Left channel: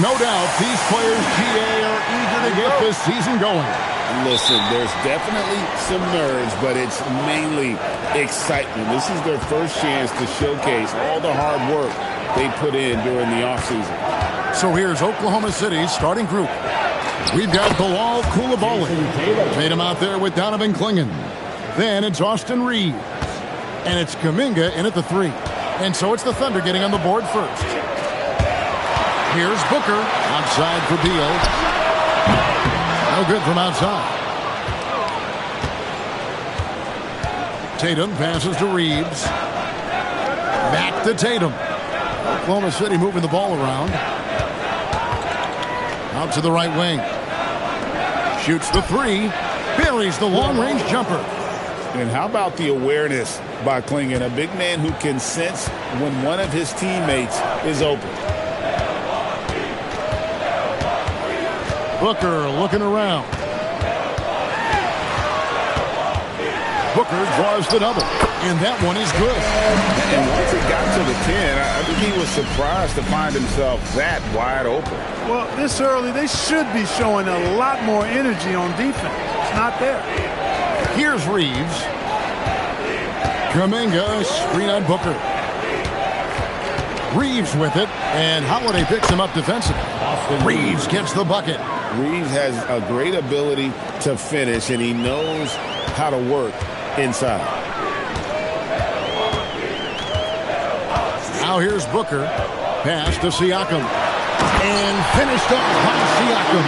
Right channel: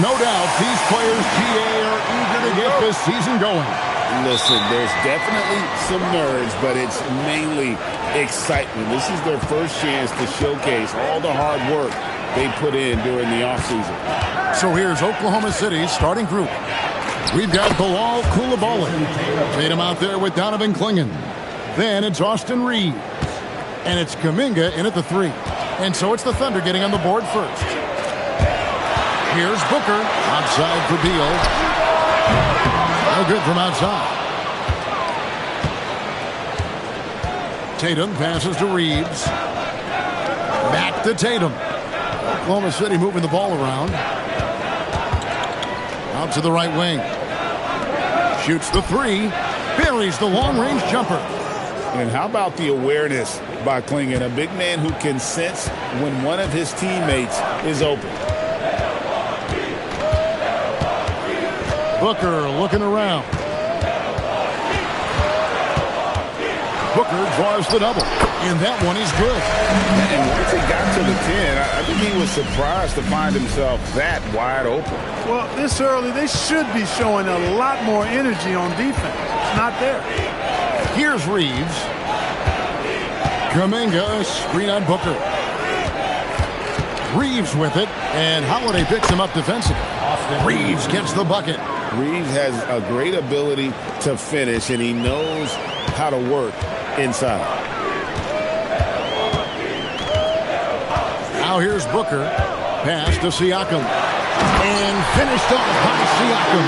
No doubt these players, GA, are eager to get this season going. Listen, there's definitely some nerves, but it's mainly excitement. This is their first chance to showcase all the hard work they put in during the offseason. So here's Oklahoma City's starting group. We've got Bilal Coulibaly. Tatum out there with Donovan Clingan. Then it's Austin Reeves. And it's Kuminga in at the 3. And so it's the Thunder getting on the board first. Here's Booker. Outside for Beal. No good from outside. Tatum passes to Reeves. Back to Tatum. Oklahoma City moving the ball around. Out to the right wing. Shoots the 3. Buries the long-range jumper. And how about the awareness by Clingan, a big man who can sense when one of his teammates is open. Booker looking around. Booker draws the double. And that one is good. And once he got to the 10, I think he was surprised to find himself that wide open. Well, this early, they should be showing a lot more energy on defense. It's not there. Here's Reeves. Kuminga, screen on Booker. Reeves with it, and Holiday picks him up defensively. Reeves gets the bucket. Reeves has a great ability to finish, and he knows how to work inside. Now here's Booker. Pass to Siakam. And finished off by Siakam.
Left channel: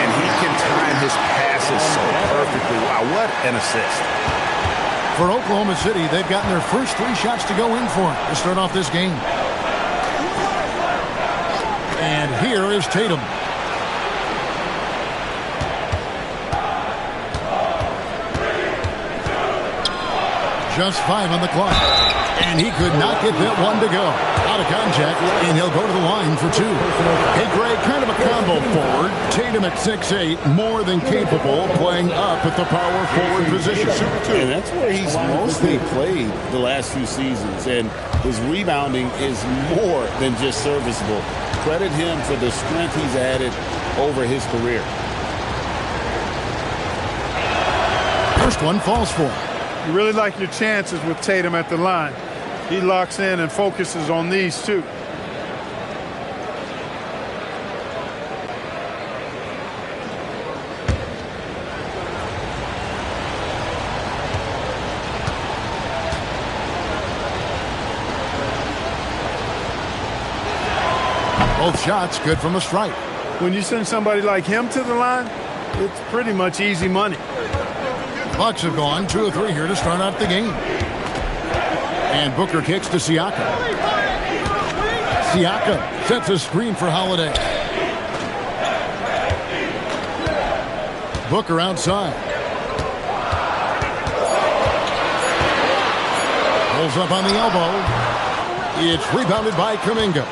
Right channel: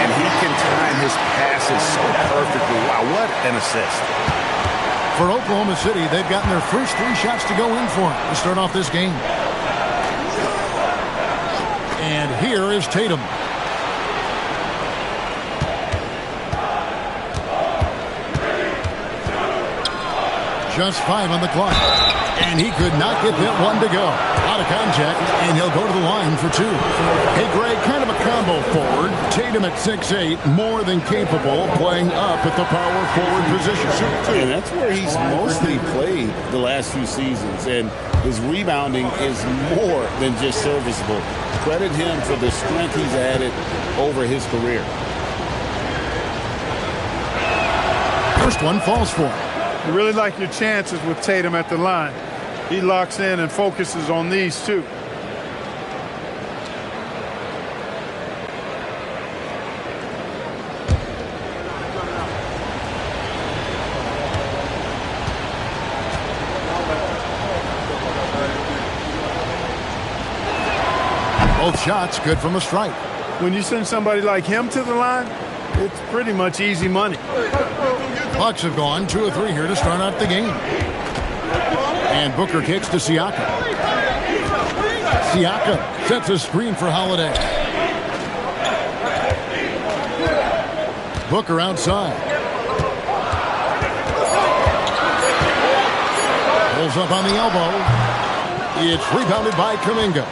And he can time his passes so perfectly. Wow, what an assist. For Oklahoma City, they've gotten their first 3 shots to go in for it to start off this game. And here is Tatum. Just 5 on the clock. And he could not get that one to go. Out of contact, and he'll go to the line for 2. Hey, Greg, kind of a combo forward. Tatum at 6'8", more than capable, playing up at the power forward position. And that's where he's mostly played the last few seasons. And his rebounding is more than just serviceable. Credit him for the strength he's added over his career. First one falls for him. You really like your chances with Tatum at the line. He locks in and focuses on these 2. Both shots good from the stripe. When you send somebody like him to the line, it's pretty much easy money. Bucks have gone 2 of 3 here to start out the game. And Booker kicks to Siakam. Siakam sets a screen for Holiday. Booker outside. Pulls up on the elbow. It's rebounded by Kuminga.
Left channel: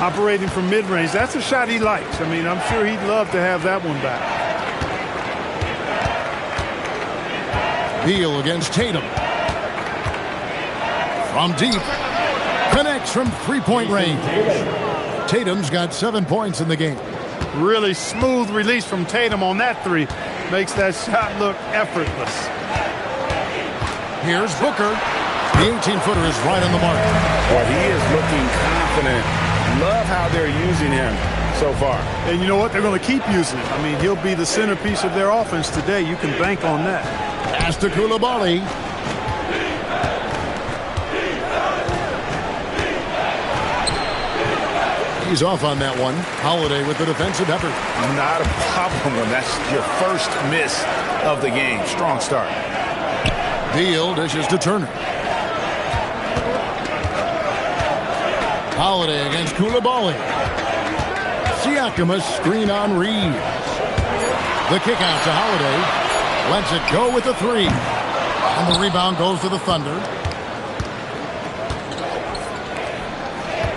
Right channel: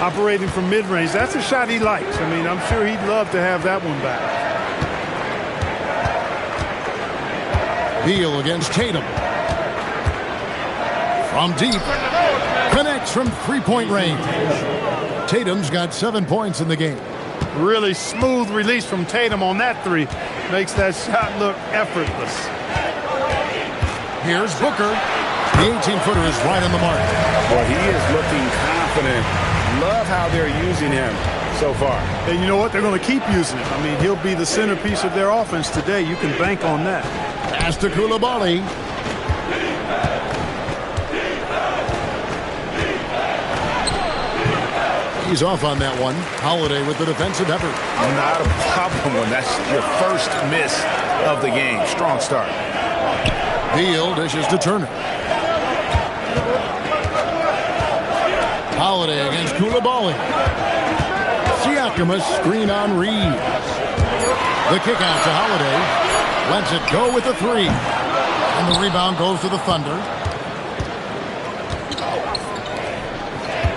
Operating from mid-range, that's a shot he likes. I mean, I'm sure he'd love to have that one back. Beal against Tatum. From deep. Connects from 3-point range. Tatum's got 7 points in the game. Really smooth release from Tatum on that 3. Makes that shot look effortless. Here's Booker. The 18-footer is right on the mark. Well, he is looking confident. Love how they're using him so far. And you know what? They're going to keep using him. I mean, he'll be the centerpiece of their offense today. You can bank on that. Pass to Coulibaly. He's off on that one. Holiday with the defensive effort. Not a problem when that's your first miss of the game. Strong start. Beal dishes to Turner. Holiday against Coulibaly. Siakam a screen on Reeves. The kick out to Holiday. Lets it go with the 3. And the rebound goes to the Thunder.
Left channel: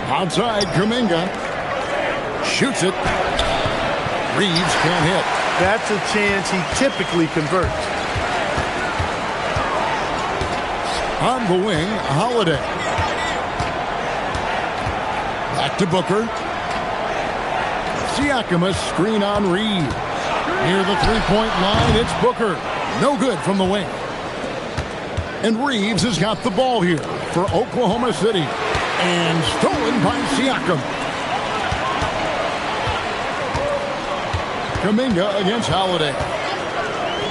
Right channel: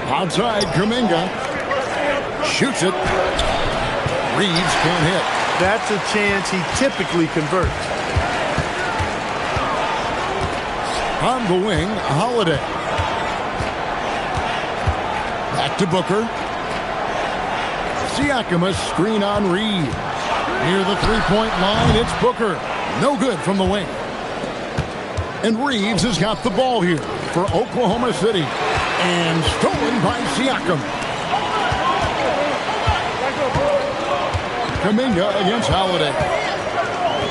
Outside, Kuminga. Shoots it. Reeves can't hit. That's a chance he typically converts. On the wing, Holiday. Back to Booker. Siakam, a screen on Reeves. Near the three-point line, it's Booker. No good from the wing. And Reeves has got the ball here for Oklahoma City. And stolen by Siakam. Kuminga against Holiday.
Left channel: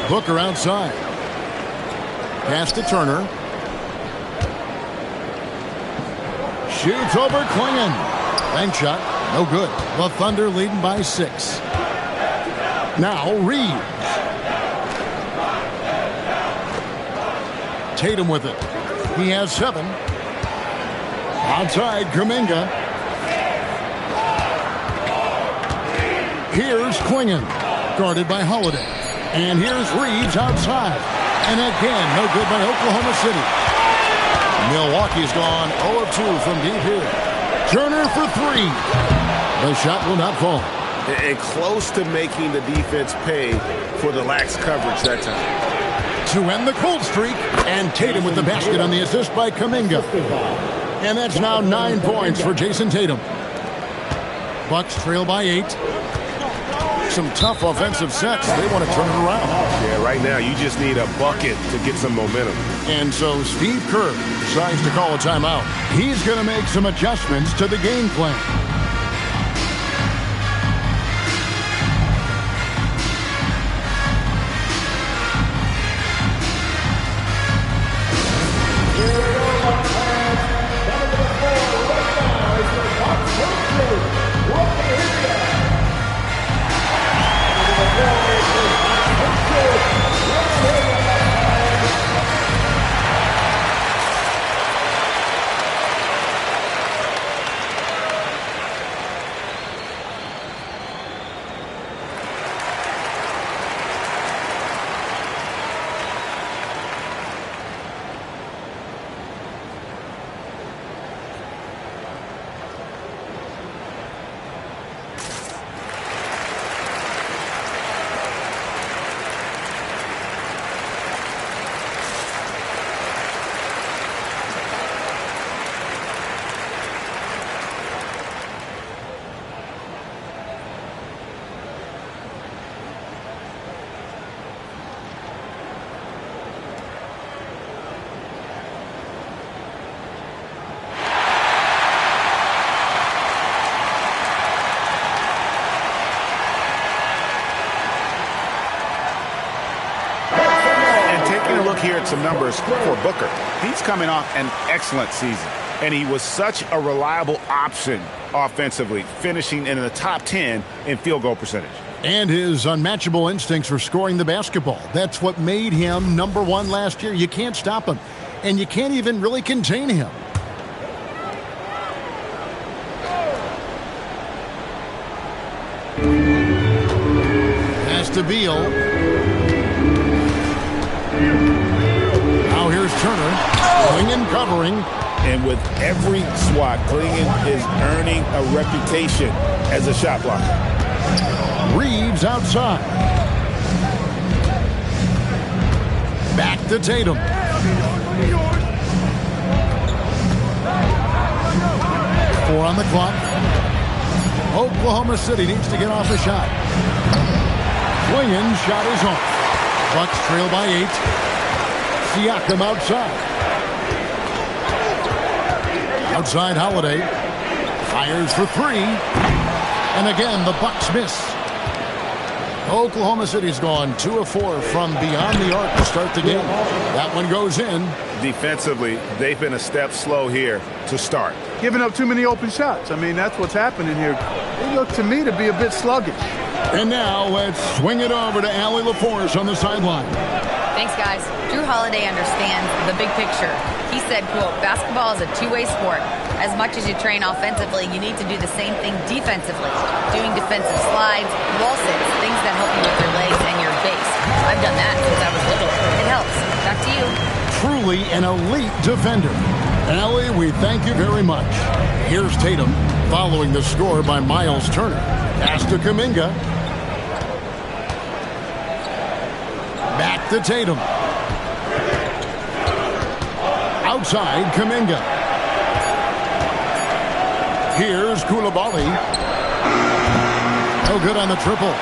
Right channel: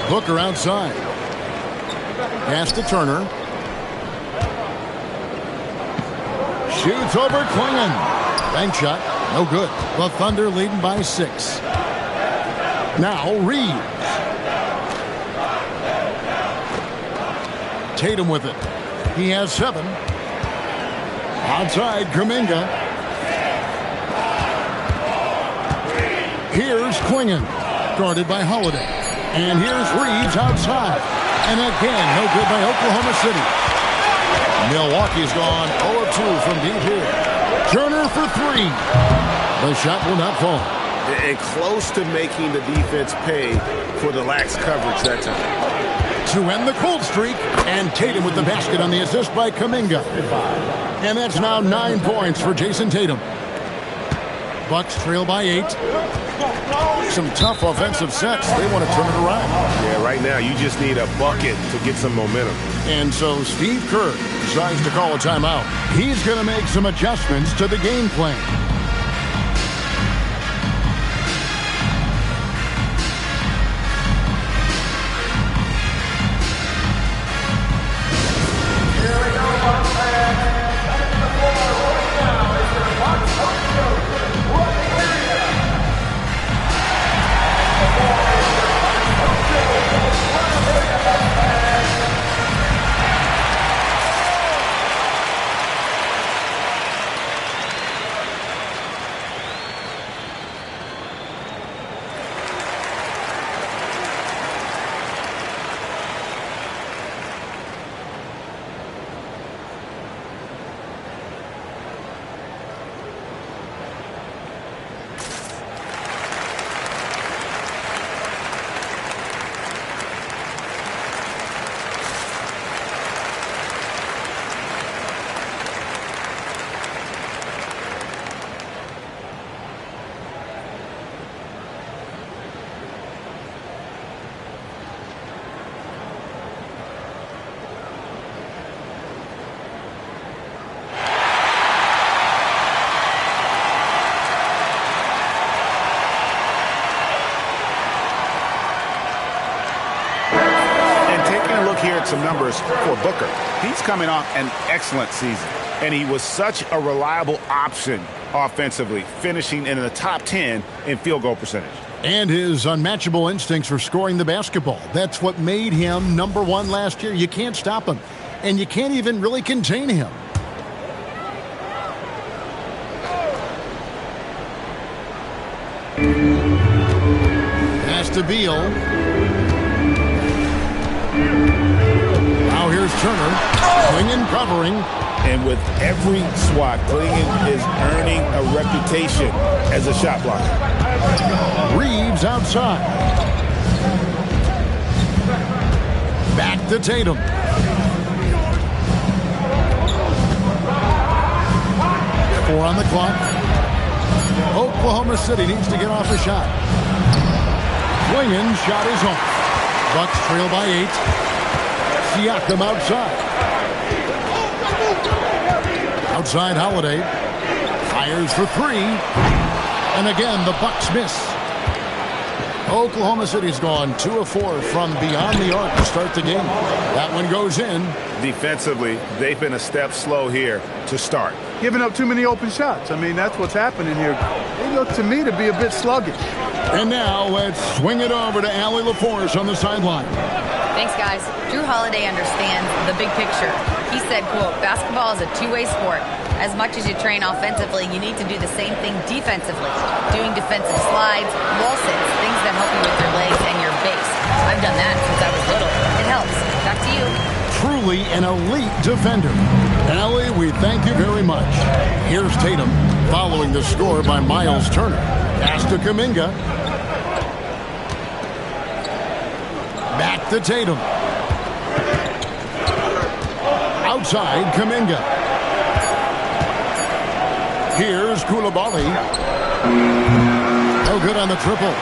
Booker outside. Pass to Turner. Shoots over Klingon. Bank shot. No good. The Thunder leading by 6. Now Reeves. Tatum with it. He has 7. Outside Kuminga. Here's Klingon. Guarded by Holiday. And here's Reeves outside. And again, no good by Oklahoma City. Milwaukee's gone 0 of 2 from deep here. Turner for 3. The shot will not fall. And close to making the defense pay for the lax coverage that time. To end the cold streak, and Tatum with the basket on the assist by Kuminga. And that's now 9 points for Jason Tatum. Bucks trail by 8. Some tough offensive sets. They want to turn it around. Yeah, right now you just need a bucket to get some momentum. And so Steve Kerr decides to call a timeout. He's going to make some adjustments to the game plan. Taking a look here at some numbers for Booker. He's coming off an excellent season, and he was such a reliable option offensively, finishing in the top 10 in field goal percentage. And his unmatchable instincts for scoring the basketball. That's what made him number 1 last year. You can't stop him, and you can't even really contain him. Pass to Beal. Now here's Turner. Klingon covering. And with every swat, Klingon is earning a reputation as a shot blocker. Reeves outside. Back to Tatum. Four on the clock. Oklahoma City needs to get off a shot. Klingon's shot is off. Bucks trail by 8. Siakam outside. Outside Holiday. Fires for 3. And again, the Bucks miss. Oklahoma City's gone 2 of 4 from beyond the arc to start the game. That one goes in. Defensively, they've been a step slow here to start. Giving up too many open shots. I mean, that's what's happening here. They look to me to be a bit sluggish. And now let's swing it over to Allie LaForce on the sideline. Thanks, guys. Drew Holiday understands the big picture. He said, quote, basketball is a two-way sport. As much as you train offensively, you need to do the same thing defensively. Doing defensive slides, wall sits, things that help you with your legs and your base. I've done that since I was little. It helps. Back to you. Truly an elite defender. Allie, we thank you very much. Here's Tatum following the score by Miles Turner. Pass to Kuminga. Back to Tatum. Outside Kuminga. Here's Koulibaly. No good on the triple.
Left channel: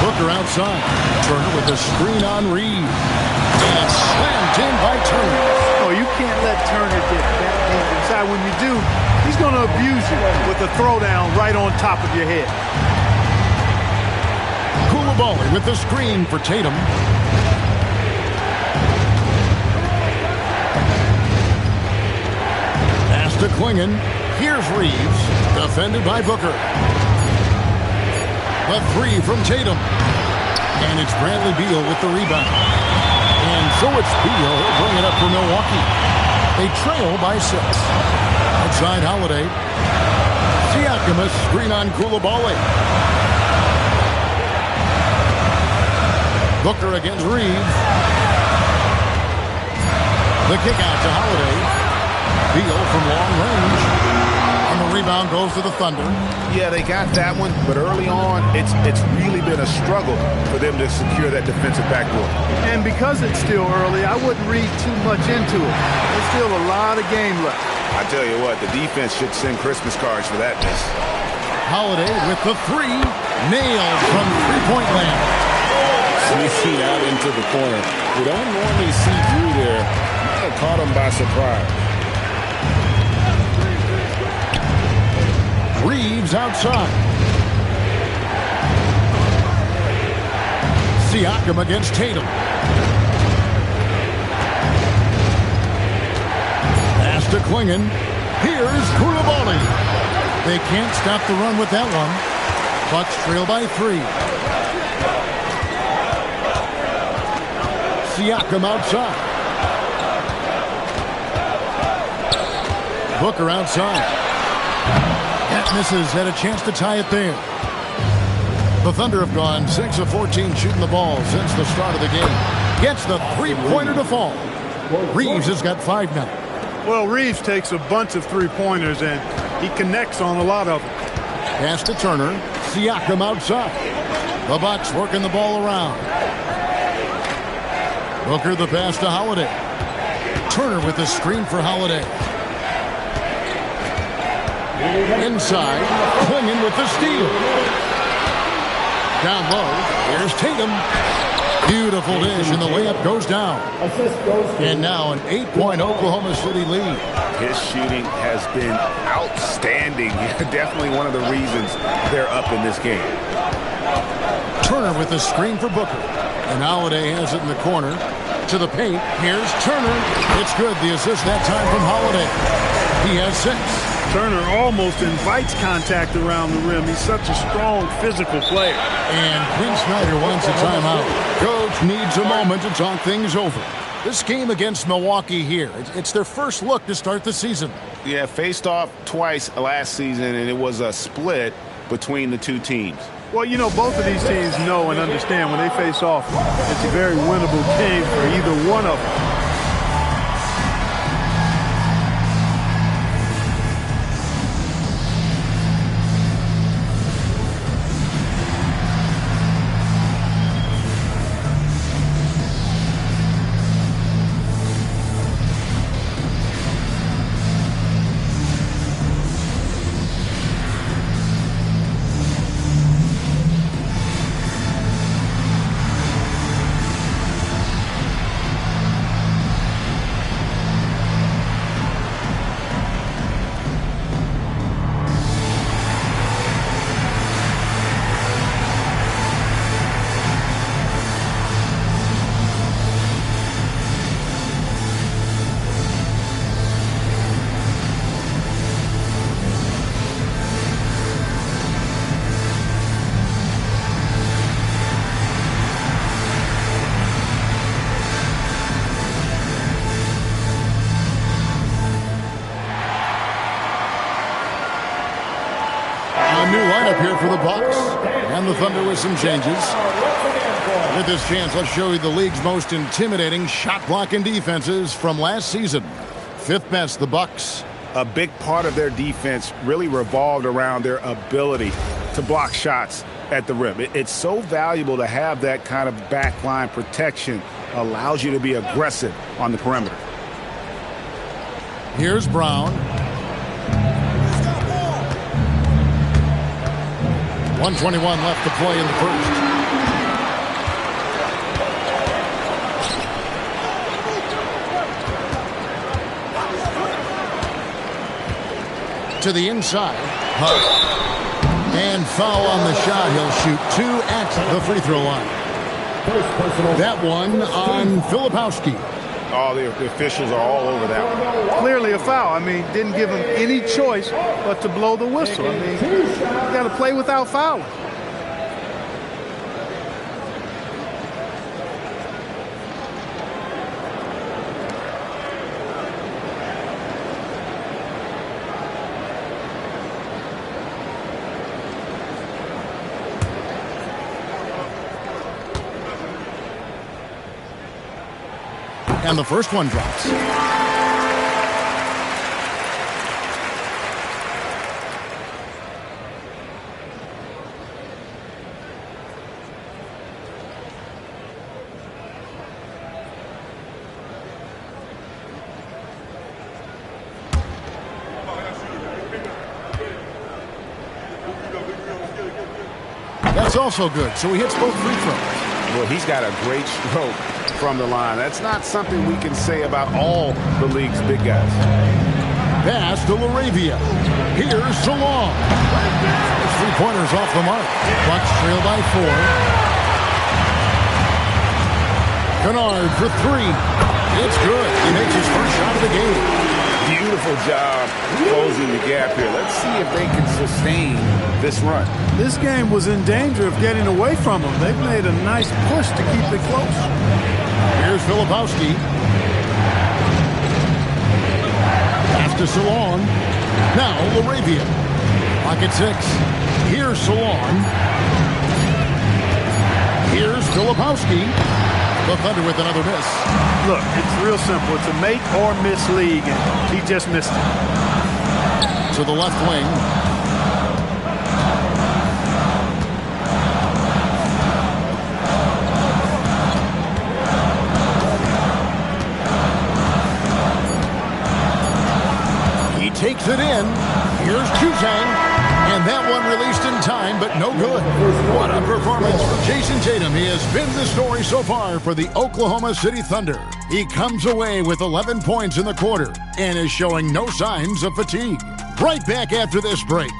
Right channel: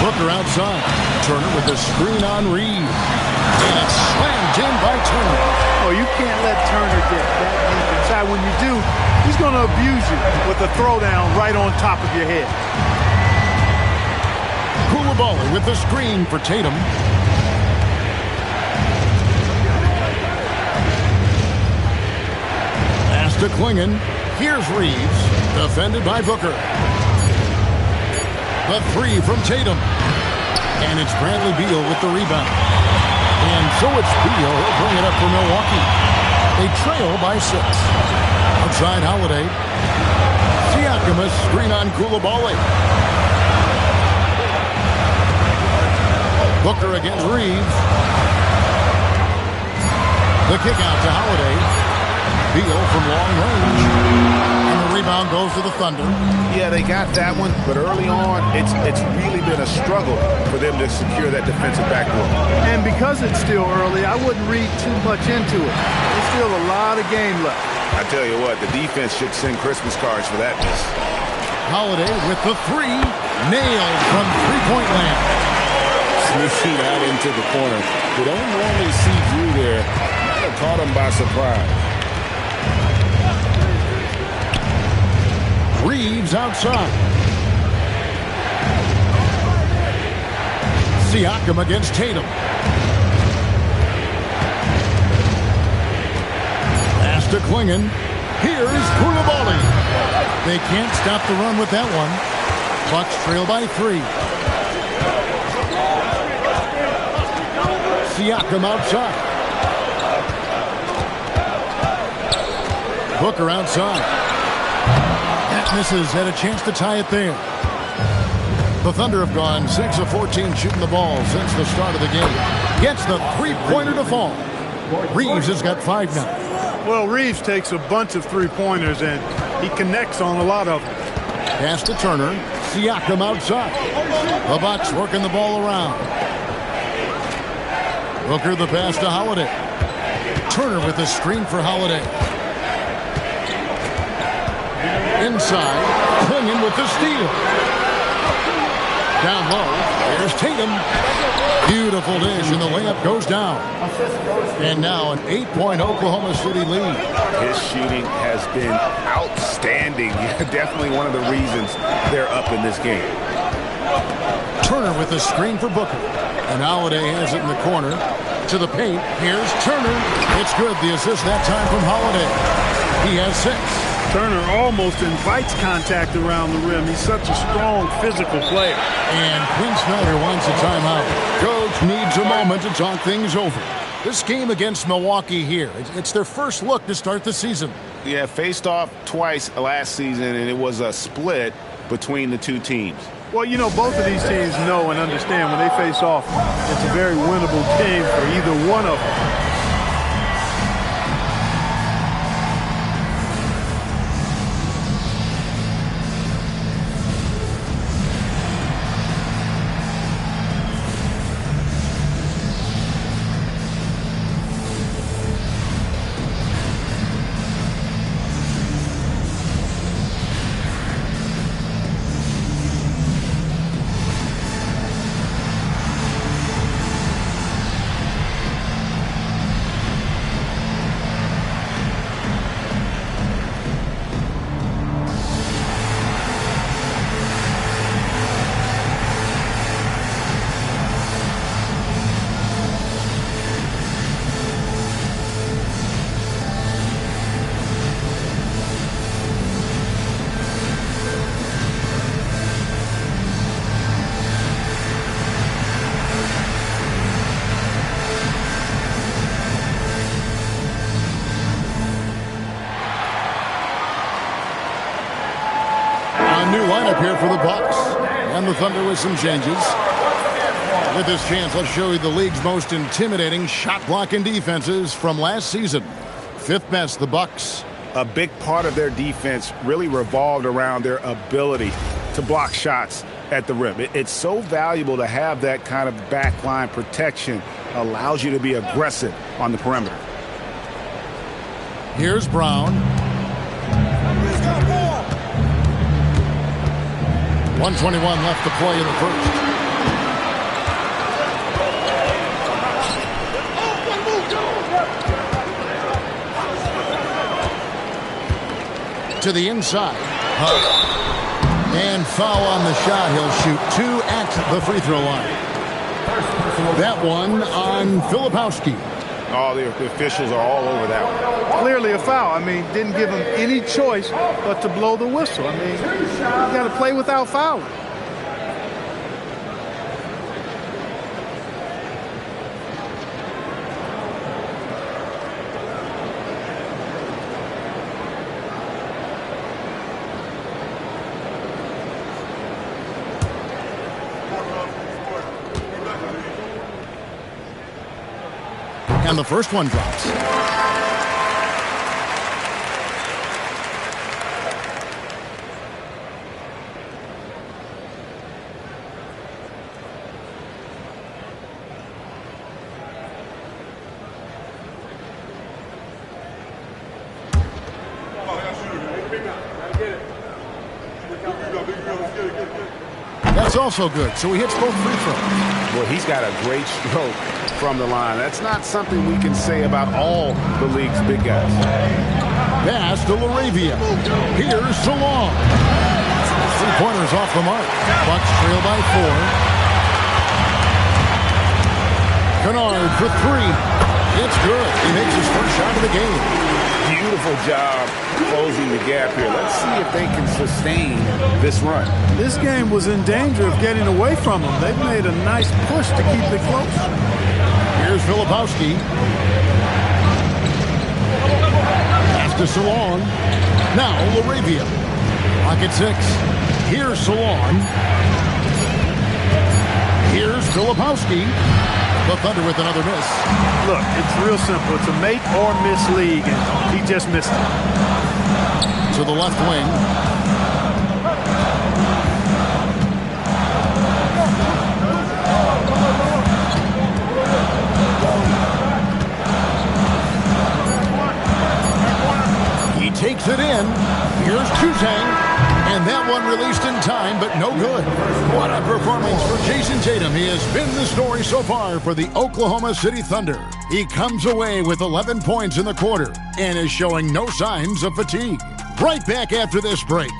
Booker outside. Turner with the screen on Reed. And it's slammed in by Turner. Oh, you can't let Turner get that deep inside. When you do, he's going to abuse you with a throwdown right on top of your head. Coulibaly with the screen for Tatum. Pass to Klingon. Here's Reeves. Defended by Booker. The three from Tatum. And it's Bradley Beal with the rebound. And so it's Beal. He'll bring it up for Milwaukee. They trail by 6. Outside Holiday. Siakam, a screen on Coulibaly. Booker against Reeves. The kick out to Holiday. Beal from long range. And the rebound goes to the Thunder. Yeah, they got that one, but early on, it's really been a struggle for them to secure that defensive backboard. And because it's still early, I wouldn't read too much into it. There's still a lot of game left. I tell you what, the defense should send Christmas cards for that miss. Holiday with the 3. Nailed from three-point land. Sneaking out into the corner. We don't normally see Drew there. Might have caught him by surprise. Reeves outside. Siakam against Tatum. Pass to Klingon. Here's Coulibaly. They can't stop the run with that one. Bucks trail by 3. Siakam outside. Booker outside. That misses. Had a chance to tie it there. The Thunder have gone 6 of 14 shooting the ball since the start of the game. Gets the three-pointer to fall. Reeves has got 5 now. Well, Reeves takes a bunch of three-pointers, and he connects on a lot of them. Pass to Turner. Siakam outside. The Bucks working the ball around. Booker the pass to Holiday. Turner with the screen for Holiday. Inside. Klingon with the steal. Down low. Here's Tatum. Beautiful dish, and the layup goes down. And now an 8-point Oklahoma City lead. His shooting has been outstanding. Definitely one of the reasons they're up in this game. Turner with the screen for Booker. And Holiday has it in the corner. To the paint. Here's Turner. It's good. The assist that time from Holiday. He has 6. Turner almost invites contact around the rim. He's such a strong physical player. And Quinn Snyder wants a timeout. Coach needs a moment to talk things over. This game against Milwaukee here, it's their first look to start the season. Yeah, faced off twice last season, and it was a split between the two teams. Well, you know, both of these teams know and understand when they face off, it's a very winnable game for either one of them. New lineup here for the Bucks and the Thunder with some changes. With this chance, let's show you the league's most intimidating shot blocking defenses from last season. 5th best, the Bucks. A big part of their defense really revolved around their ability to block shots at the rim. It's so valuable to have that kind of backline protection. Allows you to be aggressive on the perimeter. Here's Brown. 1:21 left to play in the first. To the inside. And foul on the shot. He'll shoot 2 at the free throw line. That one on Filipowski. Oh, the officials are all over that one. Clearly a foul. I mean, didn't give him any choice but to blow the whistle. I mean, you got to play without fouling. And the first one drops. That's also good. So he hits both free throws. Boy, he's got a great stroke from the line. That's not something we can say about all the league's big guys. Pass to Laravia. Here's Salong. His three-pointers off the mark. Bucks trail by 4. Kennard for 3. It's good. He makes his first shot of the game. Beautiful job closing the gap here. Let's see if they can sustain this run. This game was in danger of getting away from them. They've made a nice push to keep it close. Here's Filipowski. Pass to Salon. Now Laravia. Pocket 6. Here's Salon. Here's Filipowski. The Thunder with another miss. Look, it's real simple. It's a make or miss league, and he just missed it. To the left wing. He takes it in. Here's Juzang. And that one released in time, but no good. What a performance for Jason Tatum. He has been the story so far for the Oklahoma City Thunder. He comes away with 11 points in the quarter and is showing no signs of fatigue. Right back after this break.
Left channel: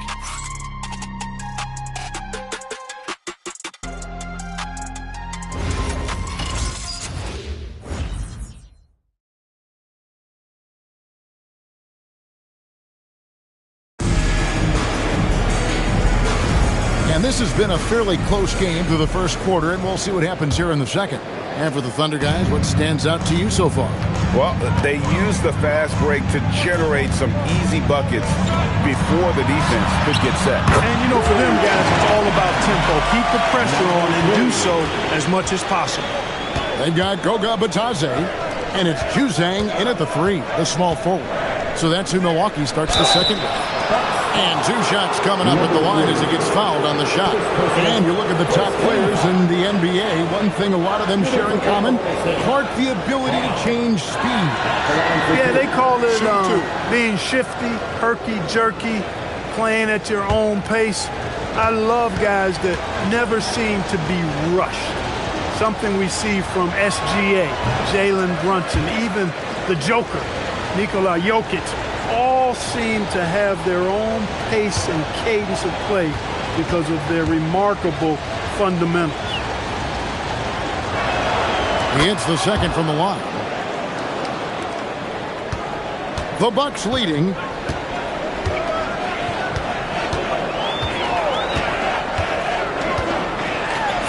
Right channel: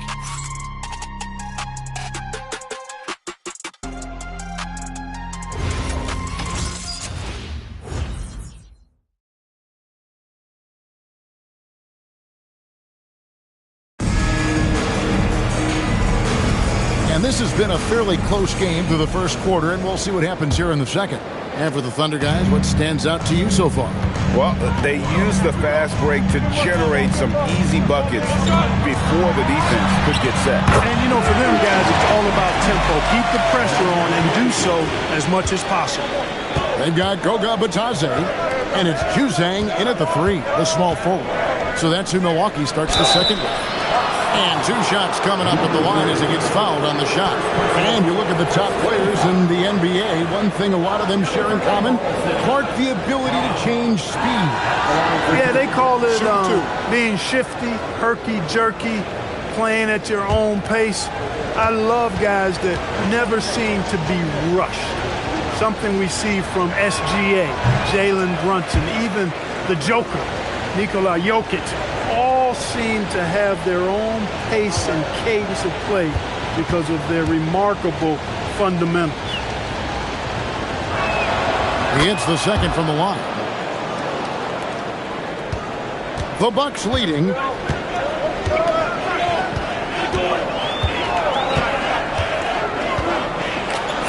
And this has been a fairly close game through the first quarter, and we'll see what happens here in the second. And for the Thunder guys, what stands out to you so far? Well, they used the fast break to generate some easy buckets before the defense could get set. And, you know, for them guys, it's all about tempo. Keep the pressure on and do so as much as possible. They've got Goga Batadze, and it's Juzang in at the 3, the small forward. So that's who Milwaukee starts the second with. And 2 shots coming up at the line as he gets fouled on the shot. And you look at the top players in the NBA, one thing a lot of them share in common, Clark, the ability to change speed. Yeah, they call it being shifty, herky-jerky, playing at your own pace. I love guys that never seem to be rushed. Something we see from SGA, Jalen Brunson, even the Joker, Nikola Jokic. All seem to have their own pace and cadence of play because of their remarkable fundamentals. He hits the second from the line. The Bucks leading.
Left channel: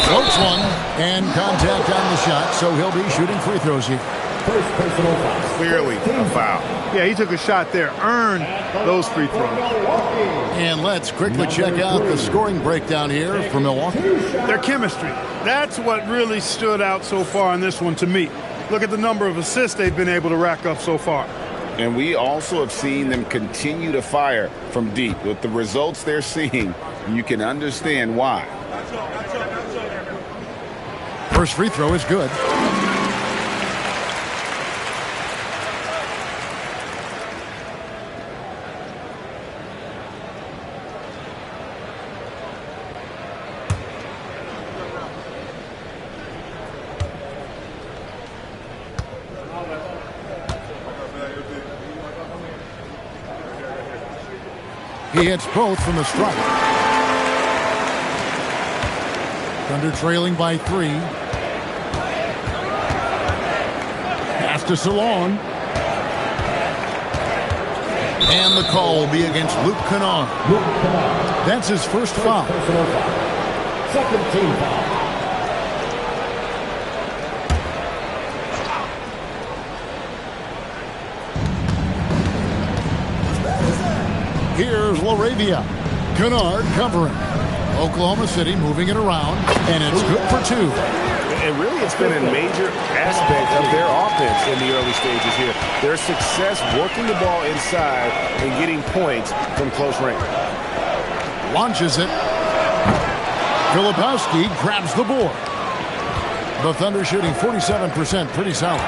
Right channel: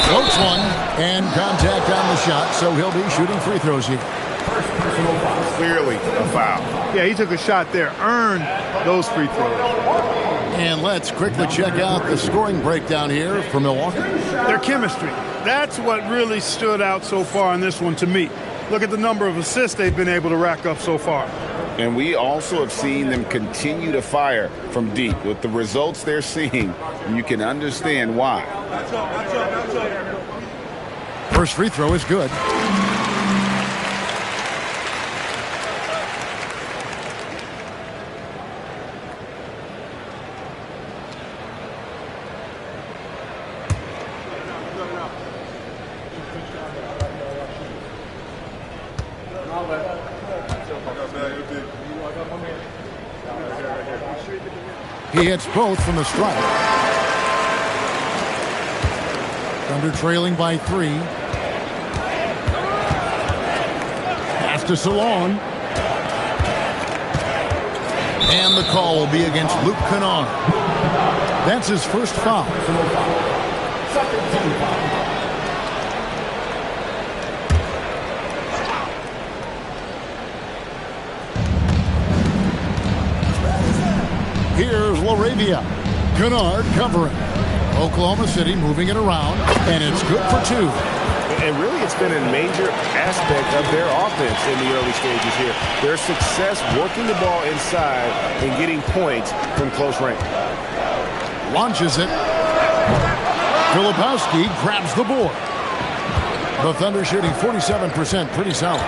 Floats one, and contact on the shot, so he'll be shooting free throws here. First personal foul. Clearly a foul. Yeah, he took a shot there, earned those free throws. And let's quickly check out the scoring breakdown here for Milwaukee. Their chemistry. That's what really stood out so far in this one to me. Look at the number of assists they've been able to rack up so far. And we also have seen them continue to fire from deep. With the results they're seeing, you can understand why. First free throw is good. He hits both from the stripe. Thunder trailing by 3. Pass to Salon. And the call will be against Luke Kennard. That's his first foul. Second team foul. Here's LaRavia. Kennard covering. Oklahoma City moving it around, and it's good for 2. And really, it's been a major aspect of their offense in the early stages here. Their success working the ball inside and getting points from close range. Launches it. Filipowski grabs the board. The Thunder shooting 47%, pretty solid.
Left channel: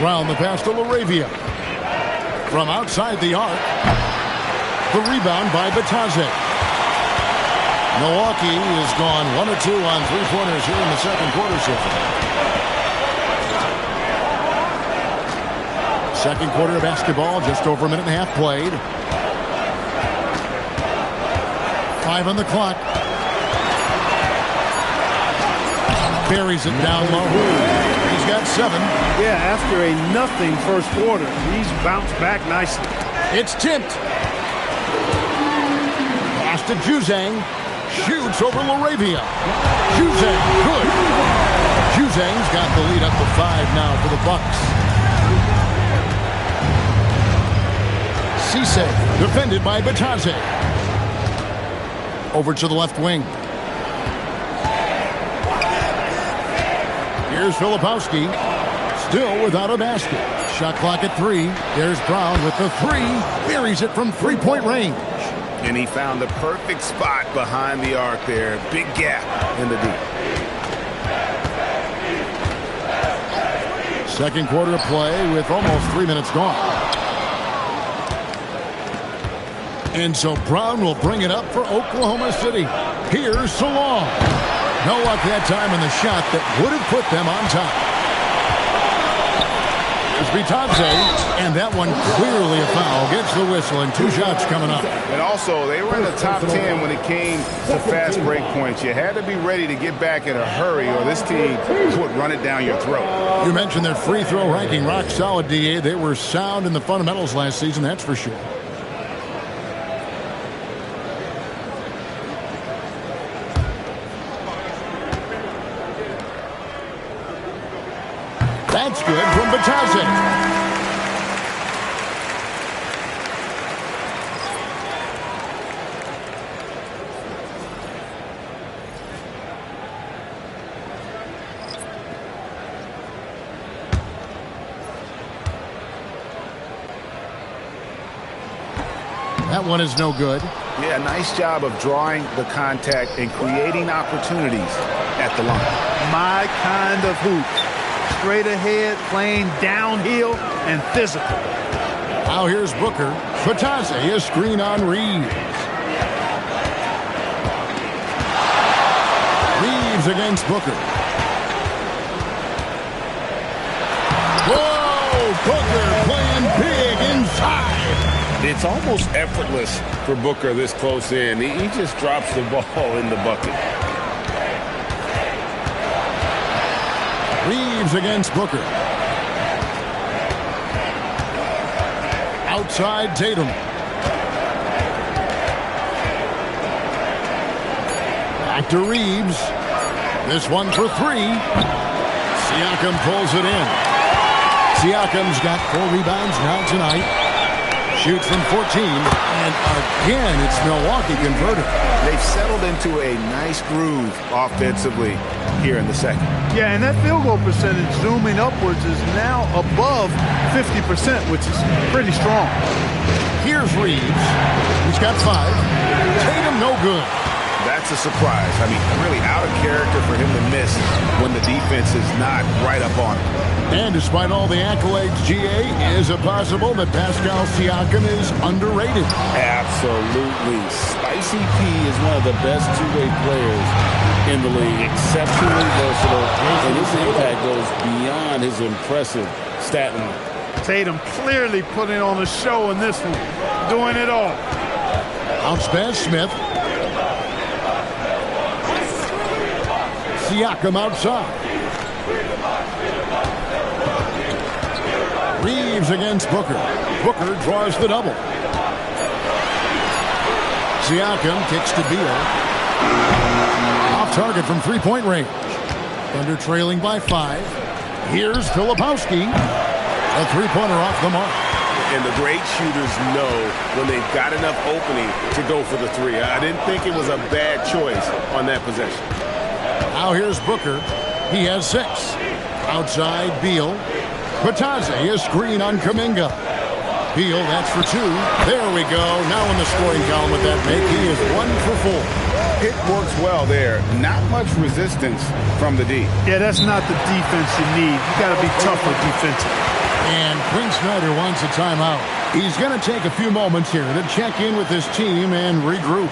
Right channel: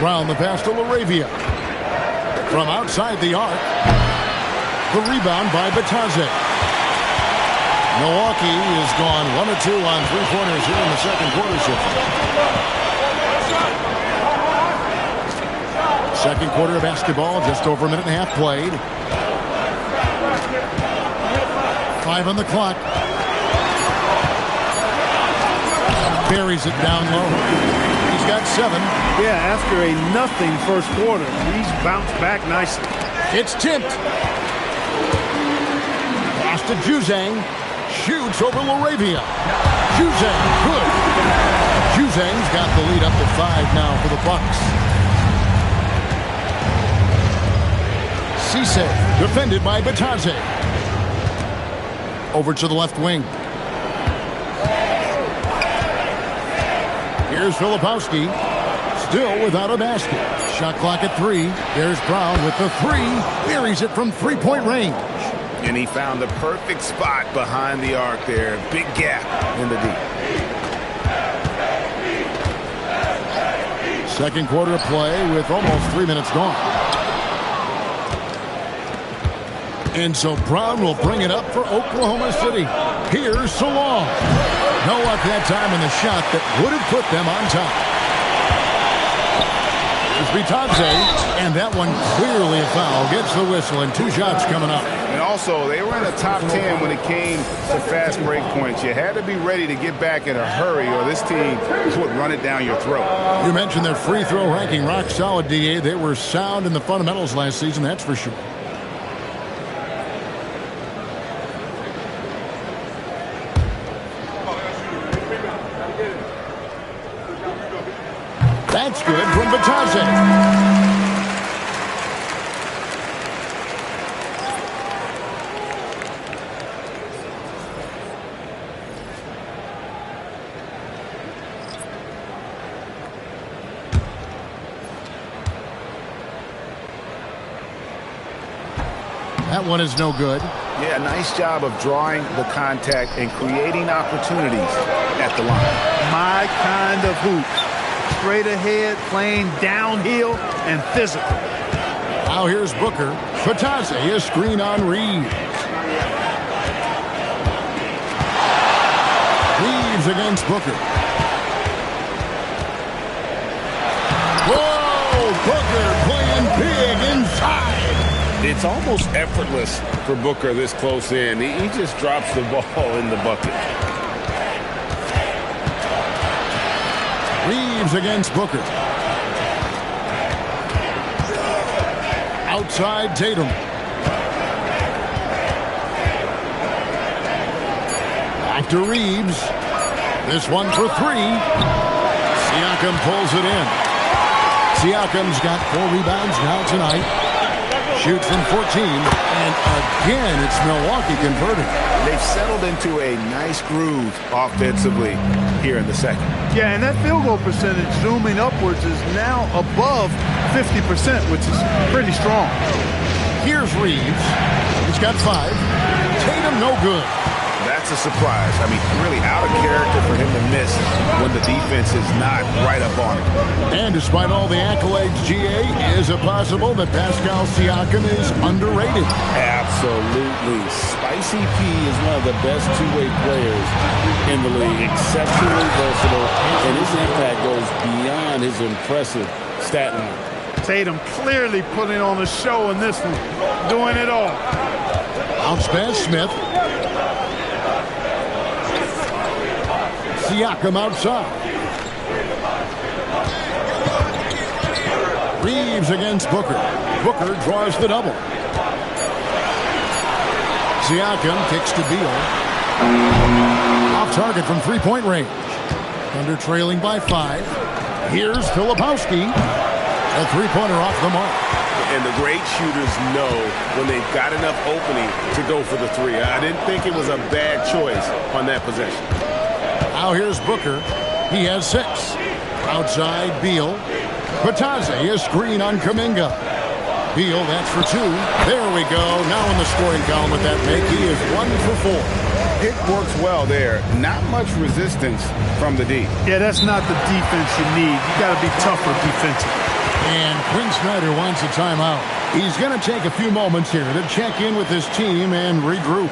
Brown the pass to LaRavia. From outside the arc. The rebound by Batadze. Milwaukee is gone 1 of 2 on three-pointers here in the second quarter so far. Second quarter of basketball, just over a minute and a half played. 5 on the clock. Buries it down low. He's got 7. Yeah, after a nothing first quarter, he's bounced back nicely. It's tipped. Pass to Juzang. Shoots over LaRavia. Juzang, good. Juzang's got the lead up to 5 now for the Bucks. Cisse, defended by Batadze. Over to the left wing. Here's Filipowski. Still without a basket. Shot clock at 3. There's Brown with the 3. Buries it from three-point range. And he found the perfect spot behind the arc there. Big gap in the D. Second quarter of play with almost 3 minutes gone. And so Brown will bring it up for Oklahoma City. Here's Salon. No luck that time in the shot that would have put them on top. Here's Batadze, and that one clearly a foul. Gets the whistle, and 2 shots coming up. And also, they were in the top 10 when it came to fast break points. You had to be ready to get back in a hurry, or this team would run it down your throat. You mentioned their free throw ranking, rock solid, DA. They were sound in the fundamentals last season, that's for sure. That's good from Batadze. That one is no good. Yeah, nice job of drawing the contact and creating opportunities at the line. My kind of hoop. Straight ahead, playing downhill and physical. Now here's Booker. Batadze, a screen on Reeves. Reeves against Booker. Whoa! Booker playing big inside. It's almost effortless for Booker this close in. He just drops the ball in the bucket. Reeves against Booker. Outside Tatum. Back to Reeves. This one for 3. Siakam pulls it in. Siakam's got 4 rebounds now tonight. Shoots from 14. And again, it's Milwaukee converted. They've settled into a nice groove offensively here in the second. Yeah, and that field goal percentage zooming upwards is now above 50%, which is pretty strong. Here's Reeves. He's got 5. Tatum no good. That's a surprise. I mean, really out of character for him to miss when the defense is not right up on him. And despite all the accolades, GA, is it possible that Pascal Siakam is underrated? Absolutely. Spicy P is one of the best two-way players in the league. Exceptionally versatile, and his impact goes beyond his impressive stat line. Tatum clearly putting on a show in this one, doing it all. Bounce pass, Smith. Siakam outside. Reeves against Booker. Booker draws the double. Siakam kicks to Beal. Off target from three-point range. Thunder trailing by 5. Here's Filipowski. A three-pointer off the mark. And the great shooters know when they've got enough opening to go for the three. I didn't think it was a bad choice on that possession. Now here's Booker. He has 6. Outside, Beal. Patazzi, a screen on Kuminga. Beal, that's for 2. There we go. Now in the scoring column with that make, he is 1 for 4. Pick works well there. Not much resistance from the D. Yeah, that's not the defense you need. You got to be tougher defensively. And Quinn Snyder wants a timeout. He's going to take a few moments here to check in with his team and regroup.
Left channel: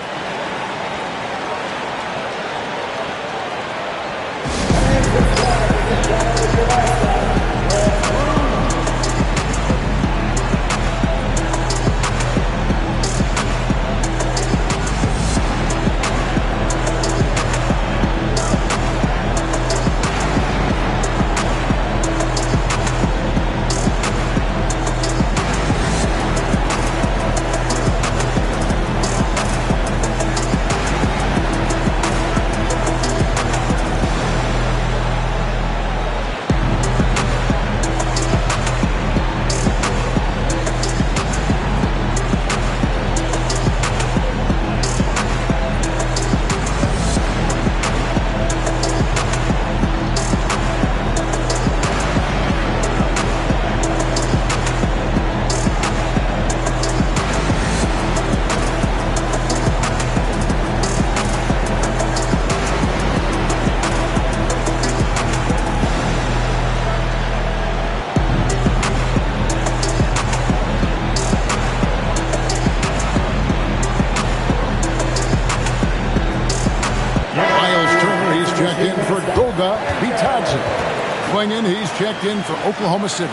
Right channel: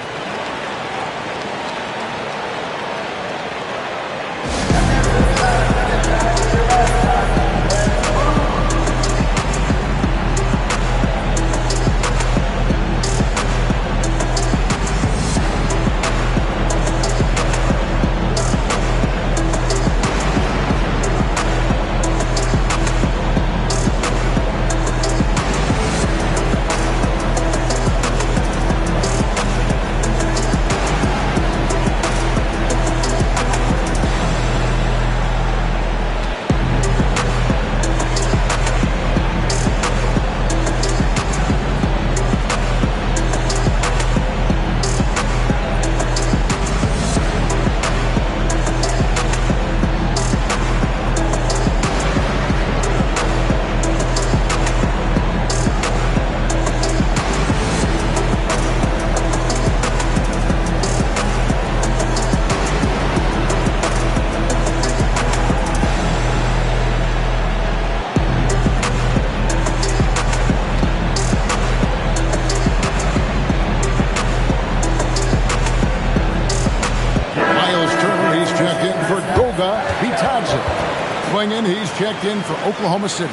Checked in for Goga Bitadze. Swinging, he's checked in for Oklahoma City.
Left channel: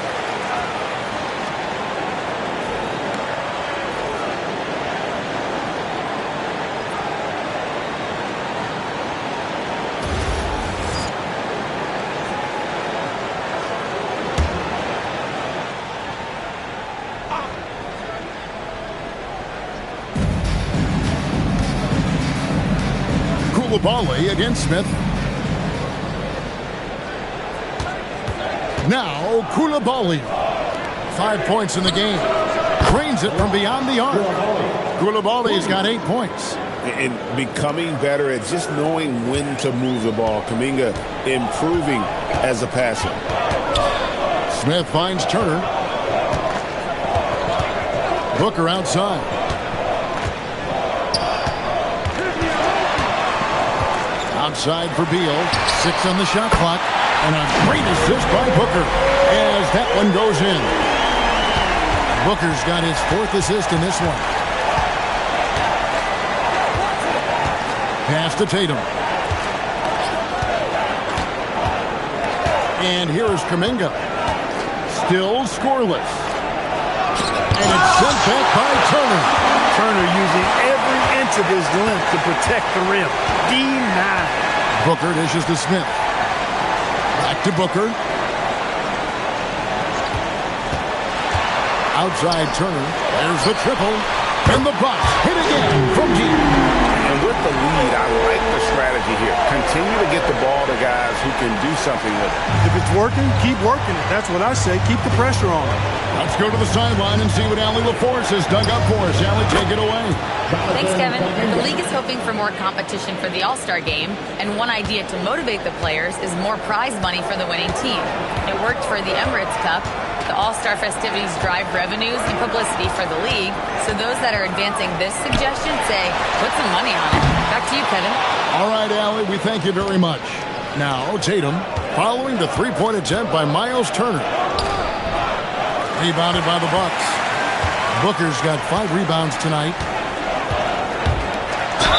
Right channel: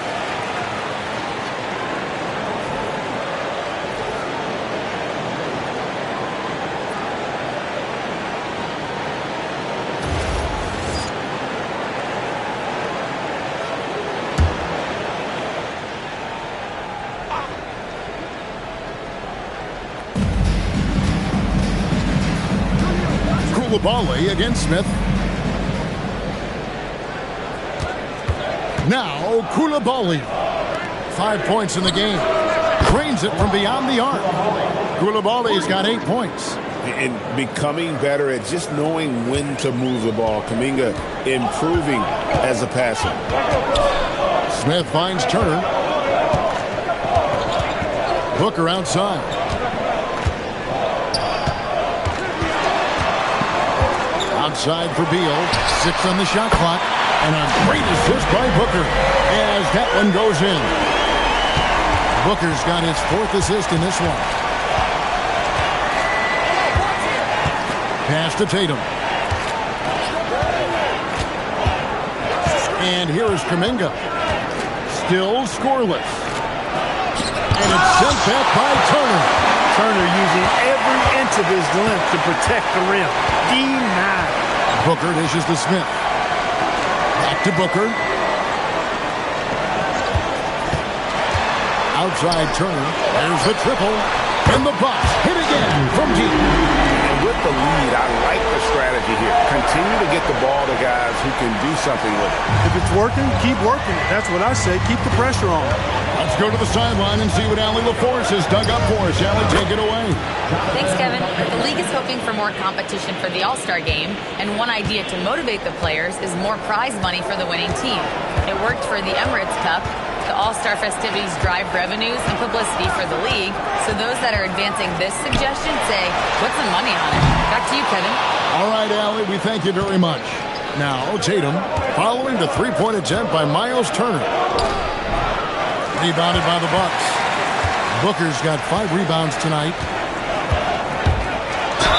Koulibaly against Smith. Now Koulibaly. 5 points in the game. Drains it from beyond the arc. Koulibaly's got 8 points. And becoming better at just knowing when to move the ball. Kuminga improving as a passer. Smith finds Turner. Booker outside. Outside for Beal. 6 on the shot clock. And a great assist by Booker as that one goes in. Booker's got his 4th assist in this one. Pass to Tatum. And here is Kuminga. Still scoreless. And it's sent back by Turner. Turner using every inch of his length to protect the rim. Denied. Booker dishes to Smith. Back to Booker. Outside Turner. There's the triple. And the Bucks hit again from deep. And with the lead, I like the strategy here. Continue to get the ball to guys who can do something with it. If it's working, keep working it. That's what I say. Keep the pressure on. Let's go to the sideline and see what Allie LaForce has dug up for us. Allie, take it away. Thanks, Kevin. The league is hoping for more competition for the All-Star game, and one idea to motivate the players is more prize money for the winning team. It worked for the Emirates Cup. The All-Star festivities drive revenues and publicity for the league, so those that are advancing this suggestion say, put some money on it. Back to you, Kevin. All right, Allie, we thank you very much. Now, Tatum, following the three-point attempt by Miles Turner. Rebounded by the Bucks. Booker's got 5 rebounds tonight.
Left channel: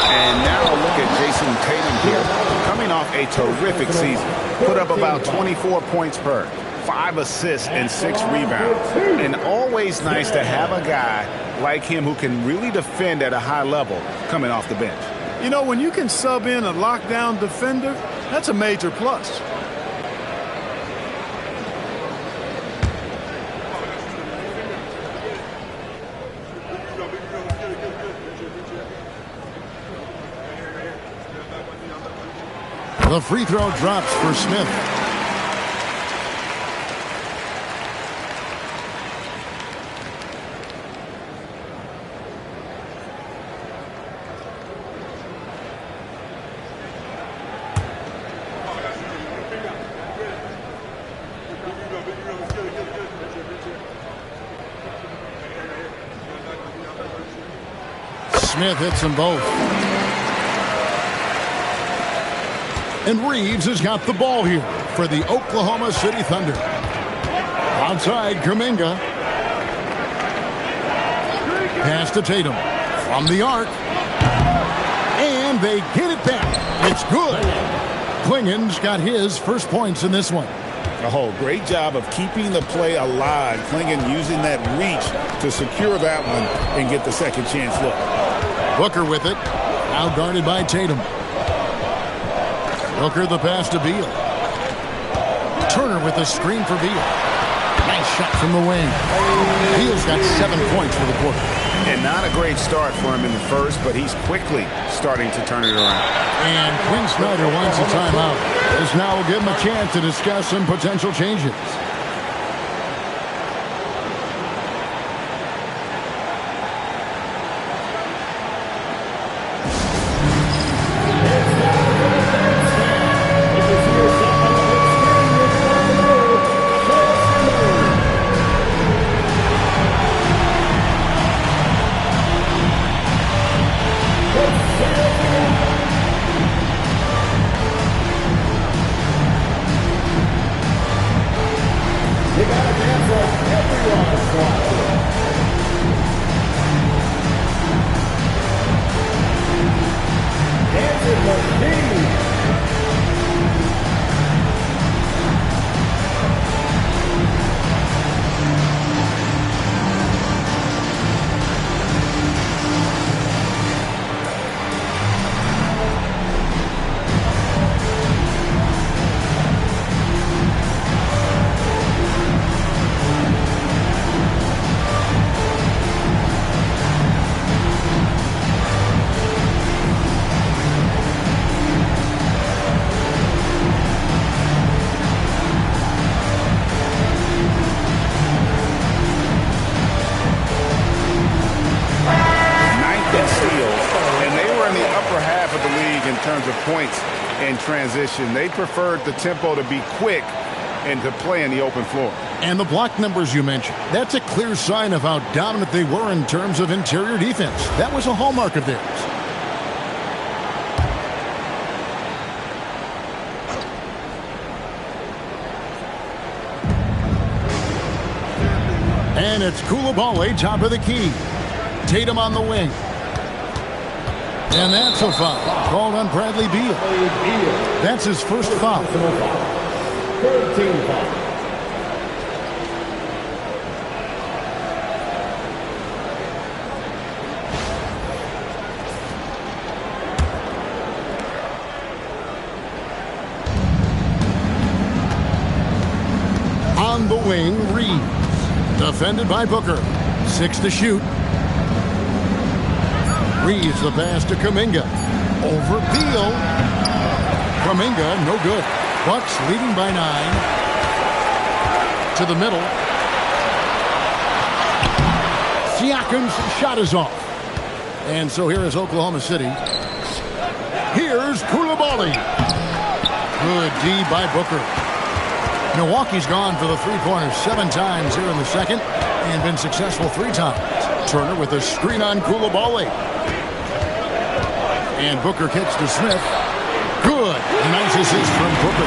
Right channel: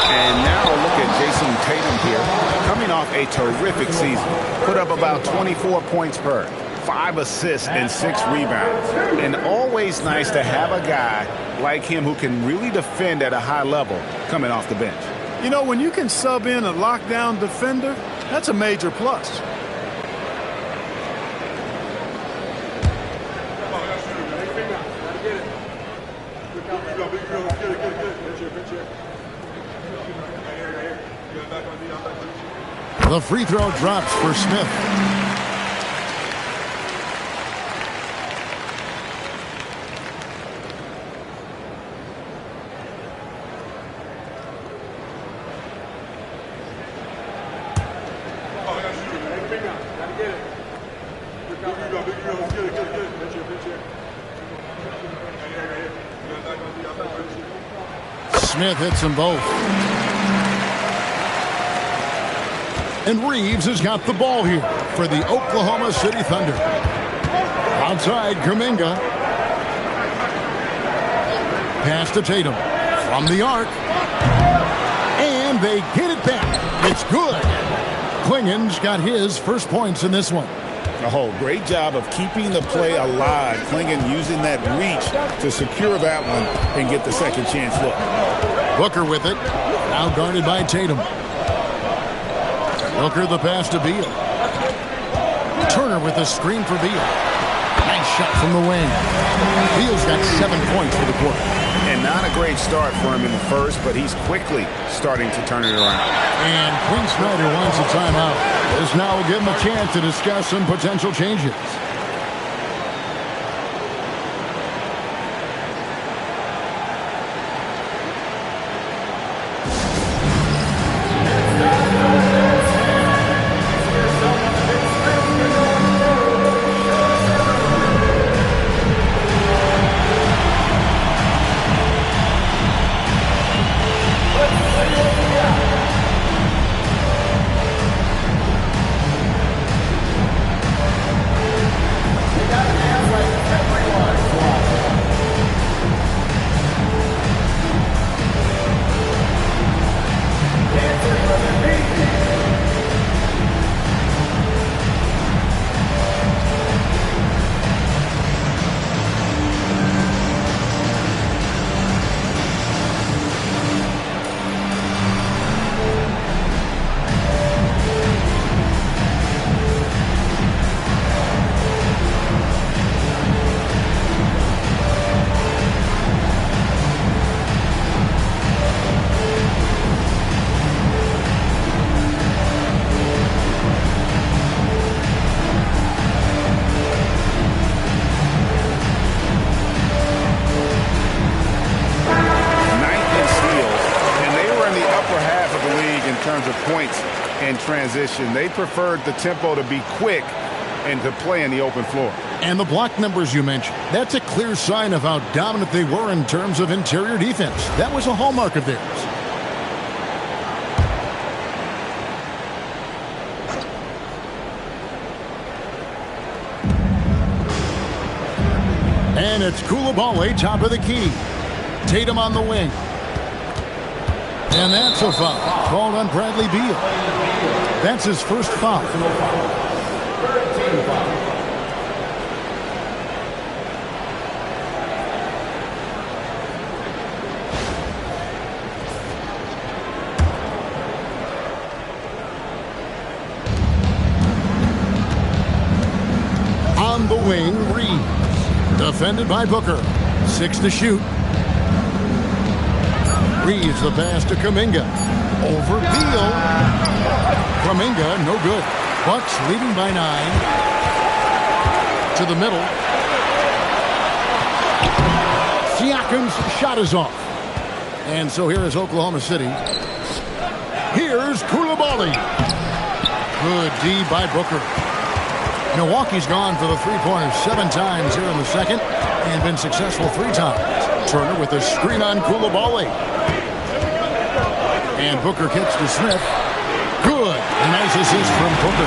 And now look at Jason Tatum here, coming off a terrific season. Put up about 24 points per. 5 assists and 6 rebounds. And always nice to have a guy like him who can really defend at a high level coming off the bench. You know, when you can sub in a lockdown defender, that's a major plus. The free throw drops for Smith. Smith hits them both. And Reeves has got the ball here for the Oklahoma City Thunder. Outside, Kuminga. Pass to Tatum. From the arc. And they get it back. It's good. Klingen's got his first points in this one. Oh, great job of keeping the play alive. Klingen using that reach to secure that one and get the second chance look. Booker with it. Now guarded by Tatum. Booker the pass to Beal. Turner with a screen for Beal. Nice shot from the wing. Beal's got 7 points for the quarter. And not a great start for him in the first, but he's quickly starting to turn it around. And Quinn Snyder wants a timeout. This now will give him a chance to discuss some potential changes. In terms of points and transition, they preferred the tempo to be quick and to play in the open floor. And the block numbers you mentioned, that's a clear sign of how dominant they were in terms of interior defense. That was a hallmark of theirs. And it's Coulibaly, top of the key. Tatum on the wing. And that's a foul called on Bradley Beal. That's his first foul. On the wing, Reeves. Defended by Booker. 6 to shoot. Reeves the pass to Kuminga. Over Beal. Kuminga, no good. Bucks leading by 9. To the middle. Siakam's shot is off. And so here is Oklahoma City. Here's Coulibaly. Good D by Booker. Milwaukee's gone for the three-pointers 7 times here in the second and been successful 3 times. Turner with a screen on Coulibaly. And Booker kicks to Smith. Good. A nice assist from Booker.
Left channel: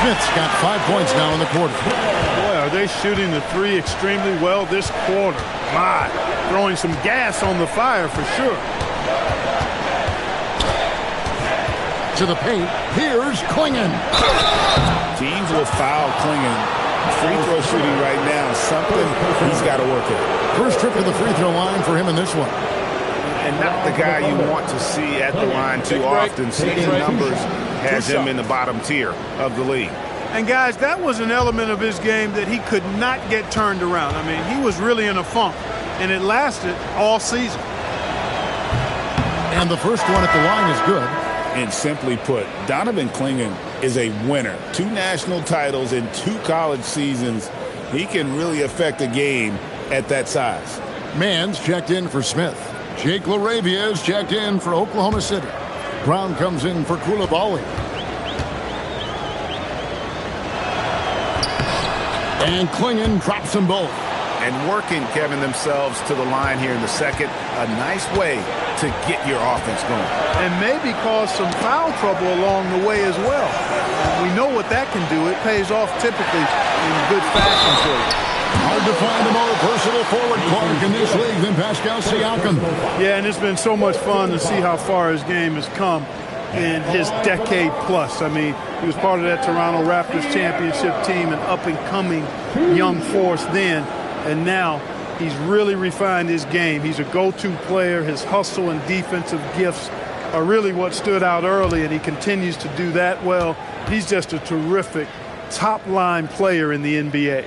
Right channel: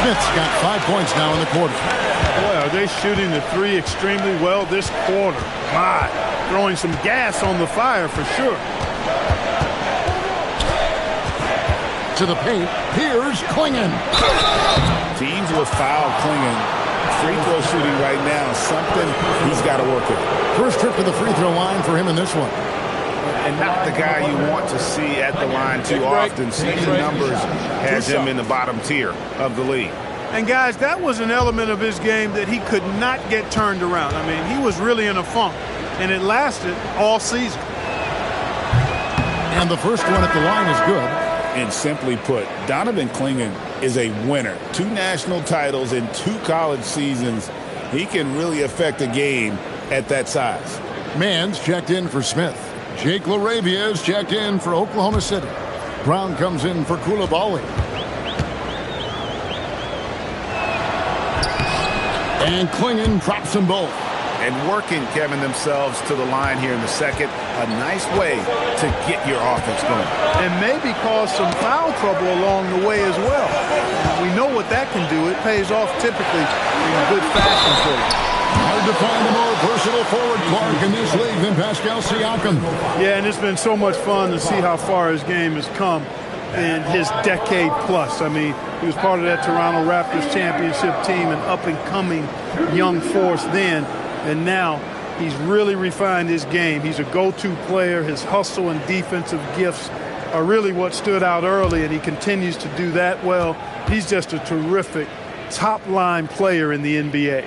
Smith's got 5 points now in the quarter. Boy, are they shooting the three extremely well this quarter. My, throwing some gas on the fire for sure. To the paint. Here's Klingen. Teams will foul Klingen free throw shooting right now is something he's got to work at. First trip to the free throw line for him in this one. And not the guy you want to see at the line too often. Season numbers has him in the bottom tier of the league. And, guys, that was an element of his game that he could not get turned around. I mean, he was really in a funk, and it lasted all season. And the first one at the line is good. And simply put, Donovan Clingan is a winner. 2 national titles in 2 college seasons. He can really affect a game at that size. Mann's checked in for Smith. Jake LaRavia is checked in for Oklahoma City. Brown comes in for Coulibaly. And Clingan drops them both. And working, Kevin, themselves to the line here in the second. A nice way to get your offense going. And maybe cause some foul trouble along the way as well. We know what that can do. It pays off typically in good fashion for you. Hard to find a more versatile forward, Clark, in this league than Pascal Siakam. Yeah, and it's been so much fun to see how far his game has come in his decade plus. I mean, he was part of that Toronto Raptors championship team, an up-and-coming young force then, and now he's really refined his game. He's a go-to player. His hustle and defensive gifts are really what stood out early, and he continues to do that well. He's just a terrific top-line player in the NBA.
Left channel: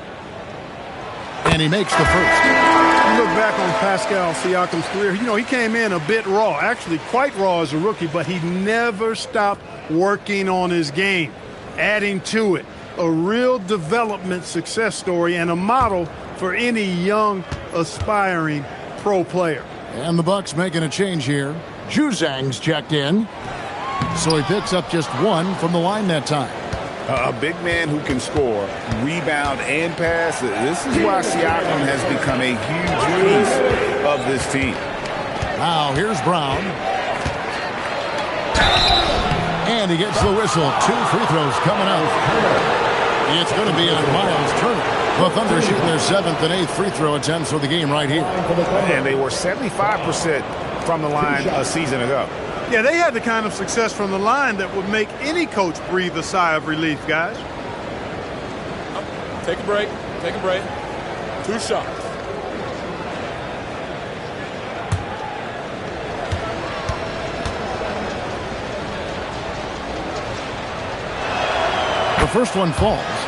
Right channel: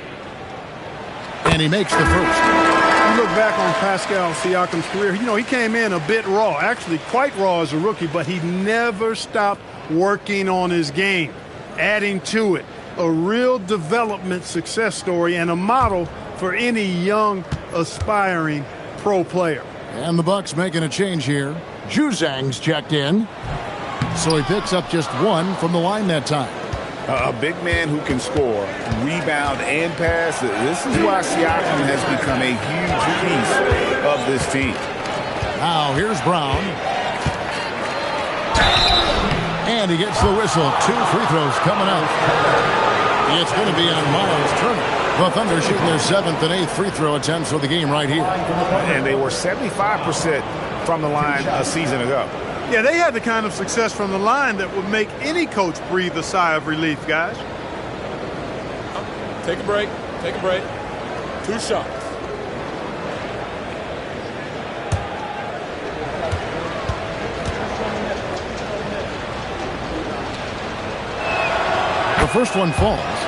And he makes the first. You look back on Pascal Siakam's career, you know, he came in a bit raw, actually quite raw as a rookie, but he never stopped working on his game, adding to it. A real development success story and a model for any young, aspiring pro player. And the Bucks making a change here. Juzang's checked in. So he picks up just 1 from the line that time. A big man who can score, rebound, and pass. This is why Siakam has become a huge piece of this team. Now here's Brown. And he gets the whistle. 2 free throws coming up. It's going to be on Miles Turner. The Thunder shooting their 7th and 8th free throw attempts for the game right here. And they were 75% from the line a season ago. Yeah, they had the kind of success from the line that would make any coach breathe a sigh of relief, guys. Take a break. Take a break. 2 shots. The first one falls.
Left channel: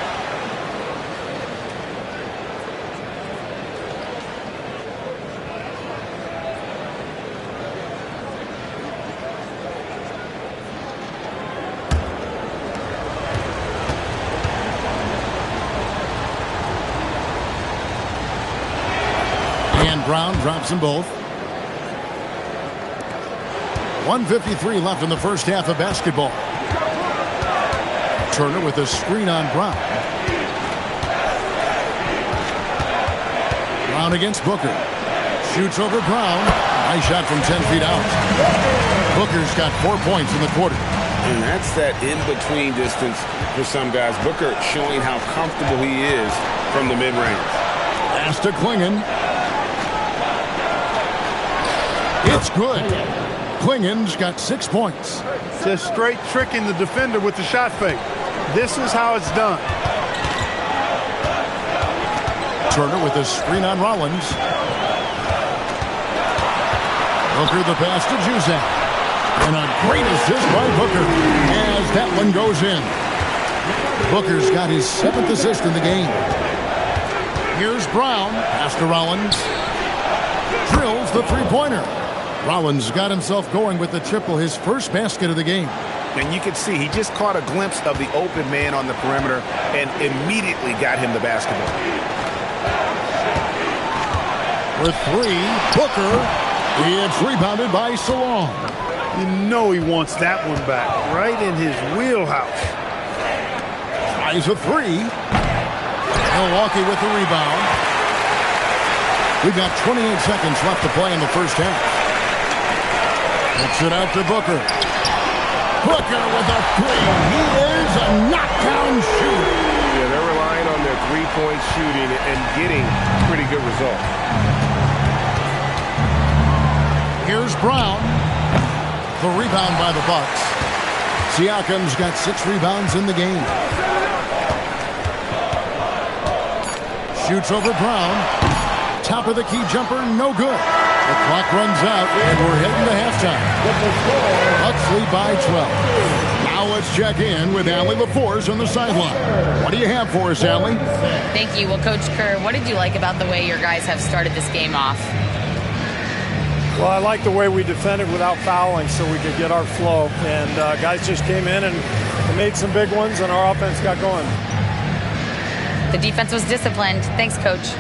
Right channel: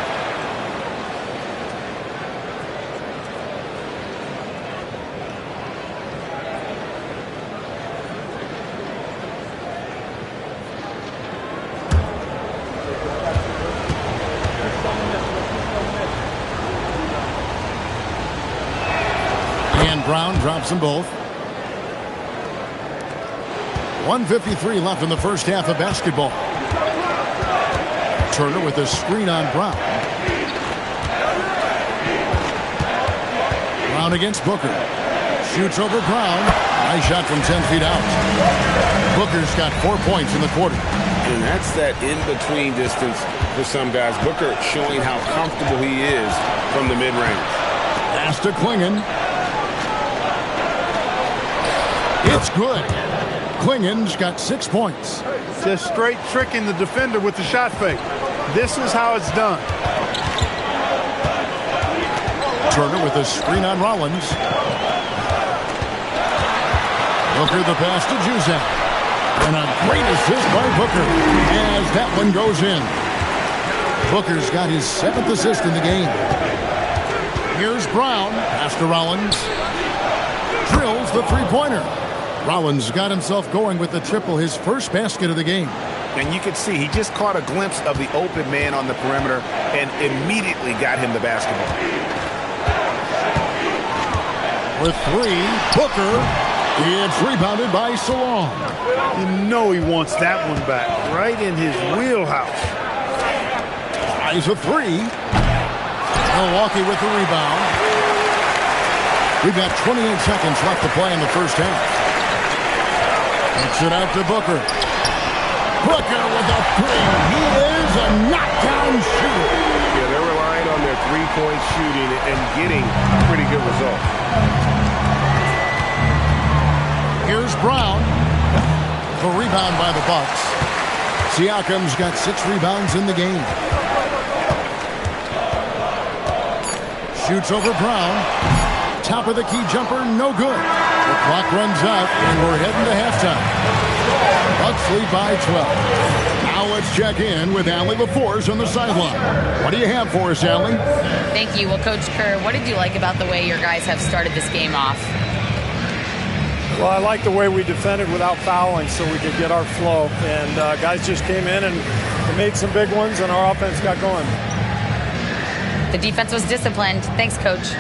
Brown drops them both. 1:53 left in the first half of basketball. Turner with a screen on Brown. Brown against Booker. Shoots over Brown. Nice shot from 10 feet out. Booker's got 4 points in the quarter. And that's that in-between distance for some guys. Booker showing how comfortable he is from the mid-range. Pass to Clingan. It's good. Clingan's got 6 points. Just straight tricking the defender with the shot fake. This is how it's done. Turner with a screen on Rollins. Booker the pass to Juzang. And a great assist by Booker as that one goes in. Booker's got his 7th assist in the game. Here's Brown. Pass to Rollins. Drills the three-pointer. Rollins got himself going with the triple, his first basket of the game. And you can see he just caught a glimpse of the open man on the perimeter and immediately got him the basketball. With 3, Booker. It's rebounded by Salon. You know he wants that one back, right in his wheelhouse. Tries a 3. Milwaukee with the rebound. We've got 28 seconds left to play in the first half. Kicks it out to Booker. Booker with a 3. He is a knockdown shooter. Yeah, they're relying on their three-point shooting and getting pretty good results. Here's Brown. The rebound by the Bucks. Siakam's got 6 rebounds in the game. Shoots over Brown. Top of the key jumper, no good. The clock runs out, and we're heading to halftime. Bucks lead by 12. Now let's check in with Allie LaForce on the sideline. What do you have for us, Allie? Thank you. Well, Coach Kerr, what did you like about the way your guys have started this game off? Well, I like the way we defended without fouling so we could get our flow. And guys just came in and made some big ones, and our offense got going. The defense was disciplined. Thanks, Coach.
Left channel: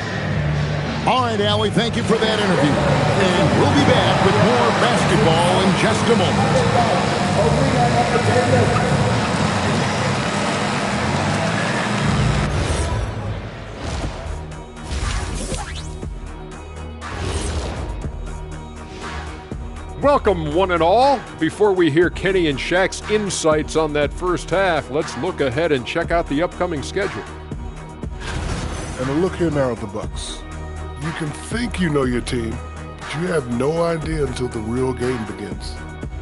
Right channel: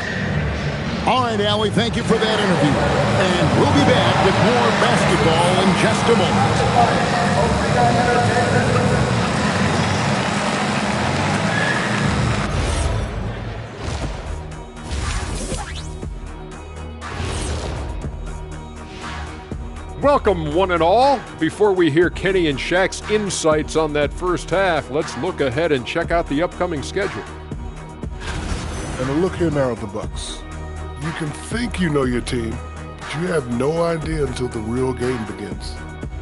All right, Allie, thank you for that interview. And we'll be back with more basketball in just a moment. Welcome, one and all. Before we hear Kenny and Shaq's insights on that first half, let's look ahead and check out the upcoming schedule. And a look here now at the Bucks. You can think you know your team, but you have no idea until the real game begins.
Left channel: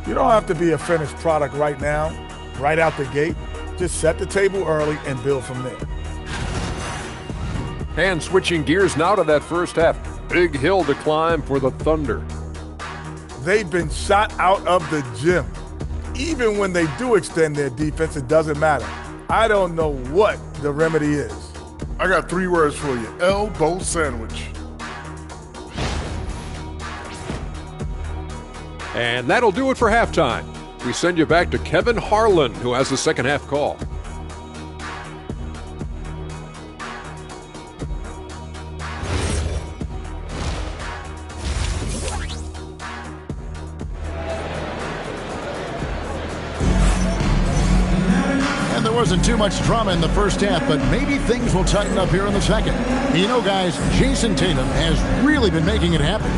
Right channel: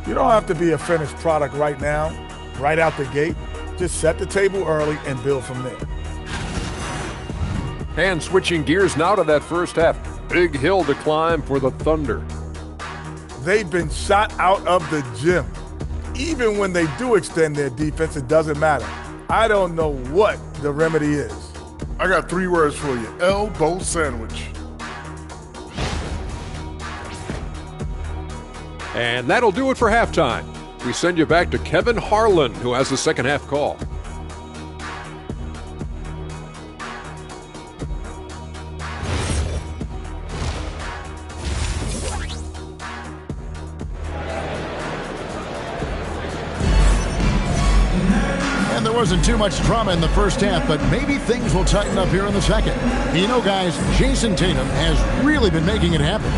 You don't have to be a finished product right now, right out the gate. Just set the table early and build from there. And switching gears now to that first half. Big hill to climb for the Thunder. They've been shot out of the gym. Even when they do extend their defense, it doesn't matter. I don't know what the remedy is. I got 3 words for you. Elbow sandwich. And that'll do it for halftime. We send you back to Kevin Harlan, who has the second half call. And there wasn't too much drama in the first half, but maybe things will tighten up here in the second. You know, guys, Jason Tatum has really been making it happen.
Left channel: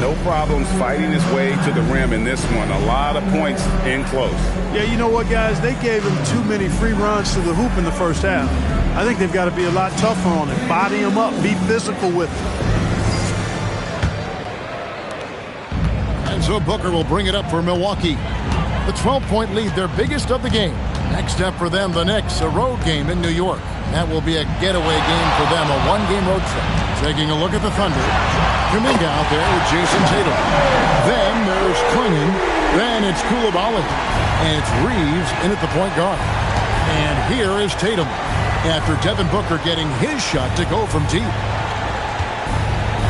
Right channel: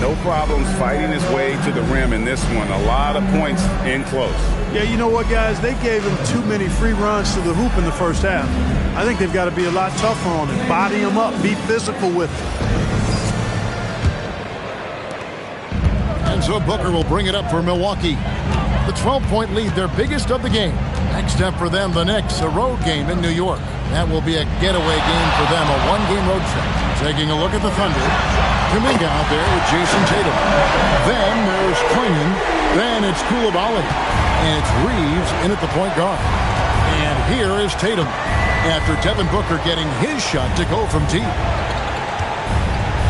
No problems fighting his way to the rim in this one. A lot of points in close. Yeah, you know what, guys? They gave him too many free runs to the hoop in the first half. I think they've got to be a lot tougher on it. Body him up, be physical with him. And so Booker will bring it up for Milwaukee. The 12-point lead, their biggest of the game. Next up for them, the Knicks, a road game in New York. That will be a getaway game for them, a one-game road trip. Taking a look at the Thunder. Kuminga out there with Jason Tatum. Then there's Clingan. Then it's Coulibaly. And it's Reeves in at the point guard. And here is Tatum after Devin Booker getting his shot to go from deep.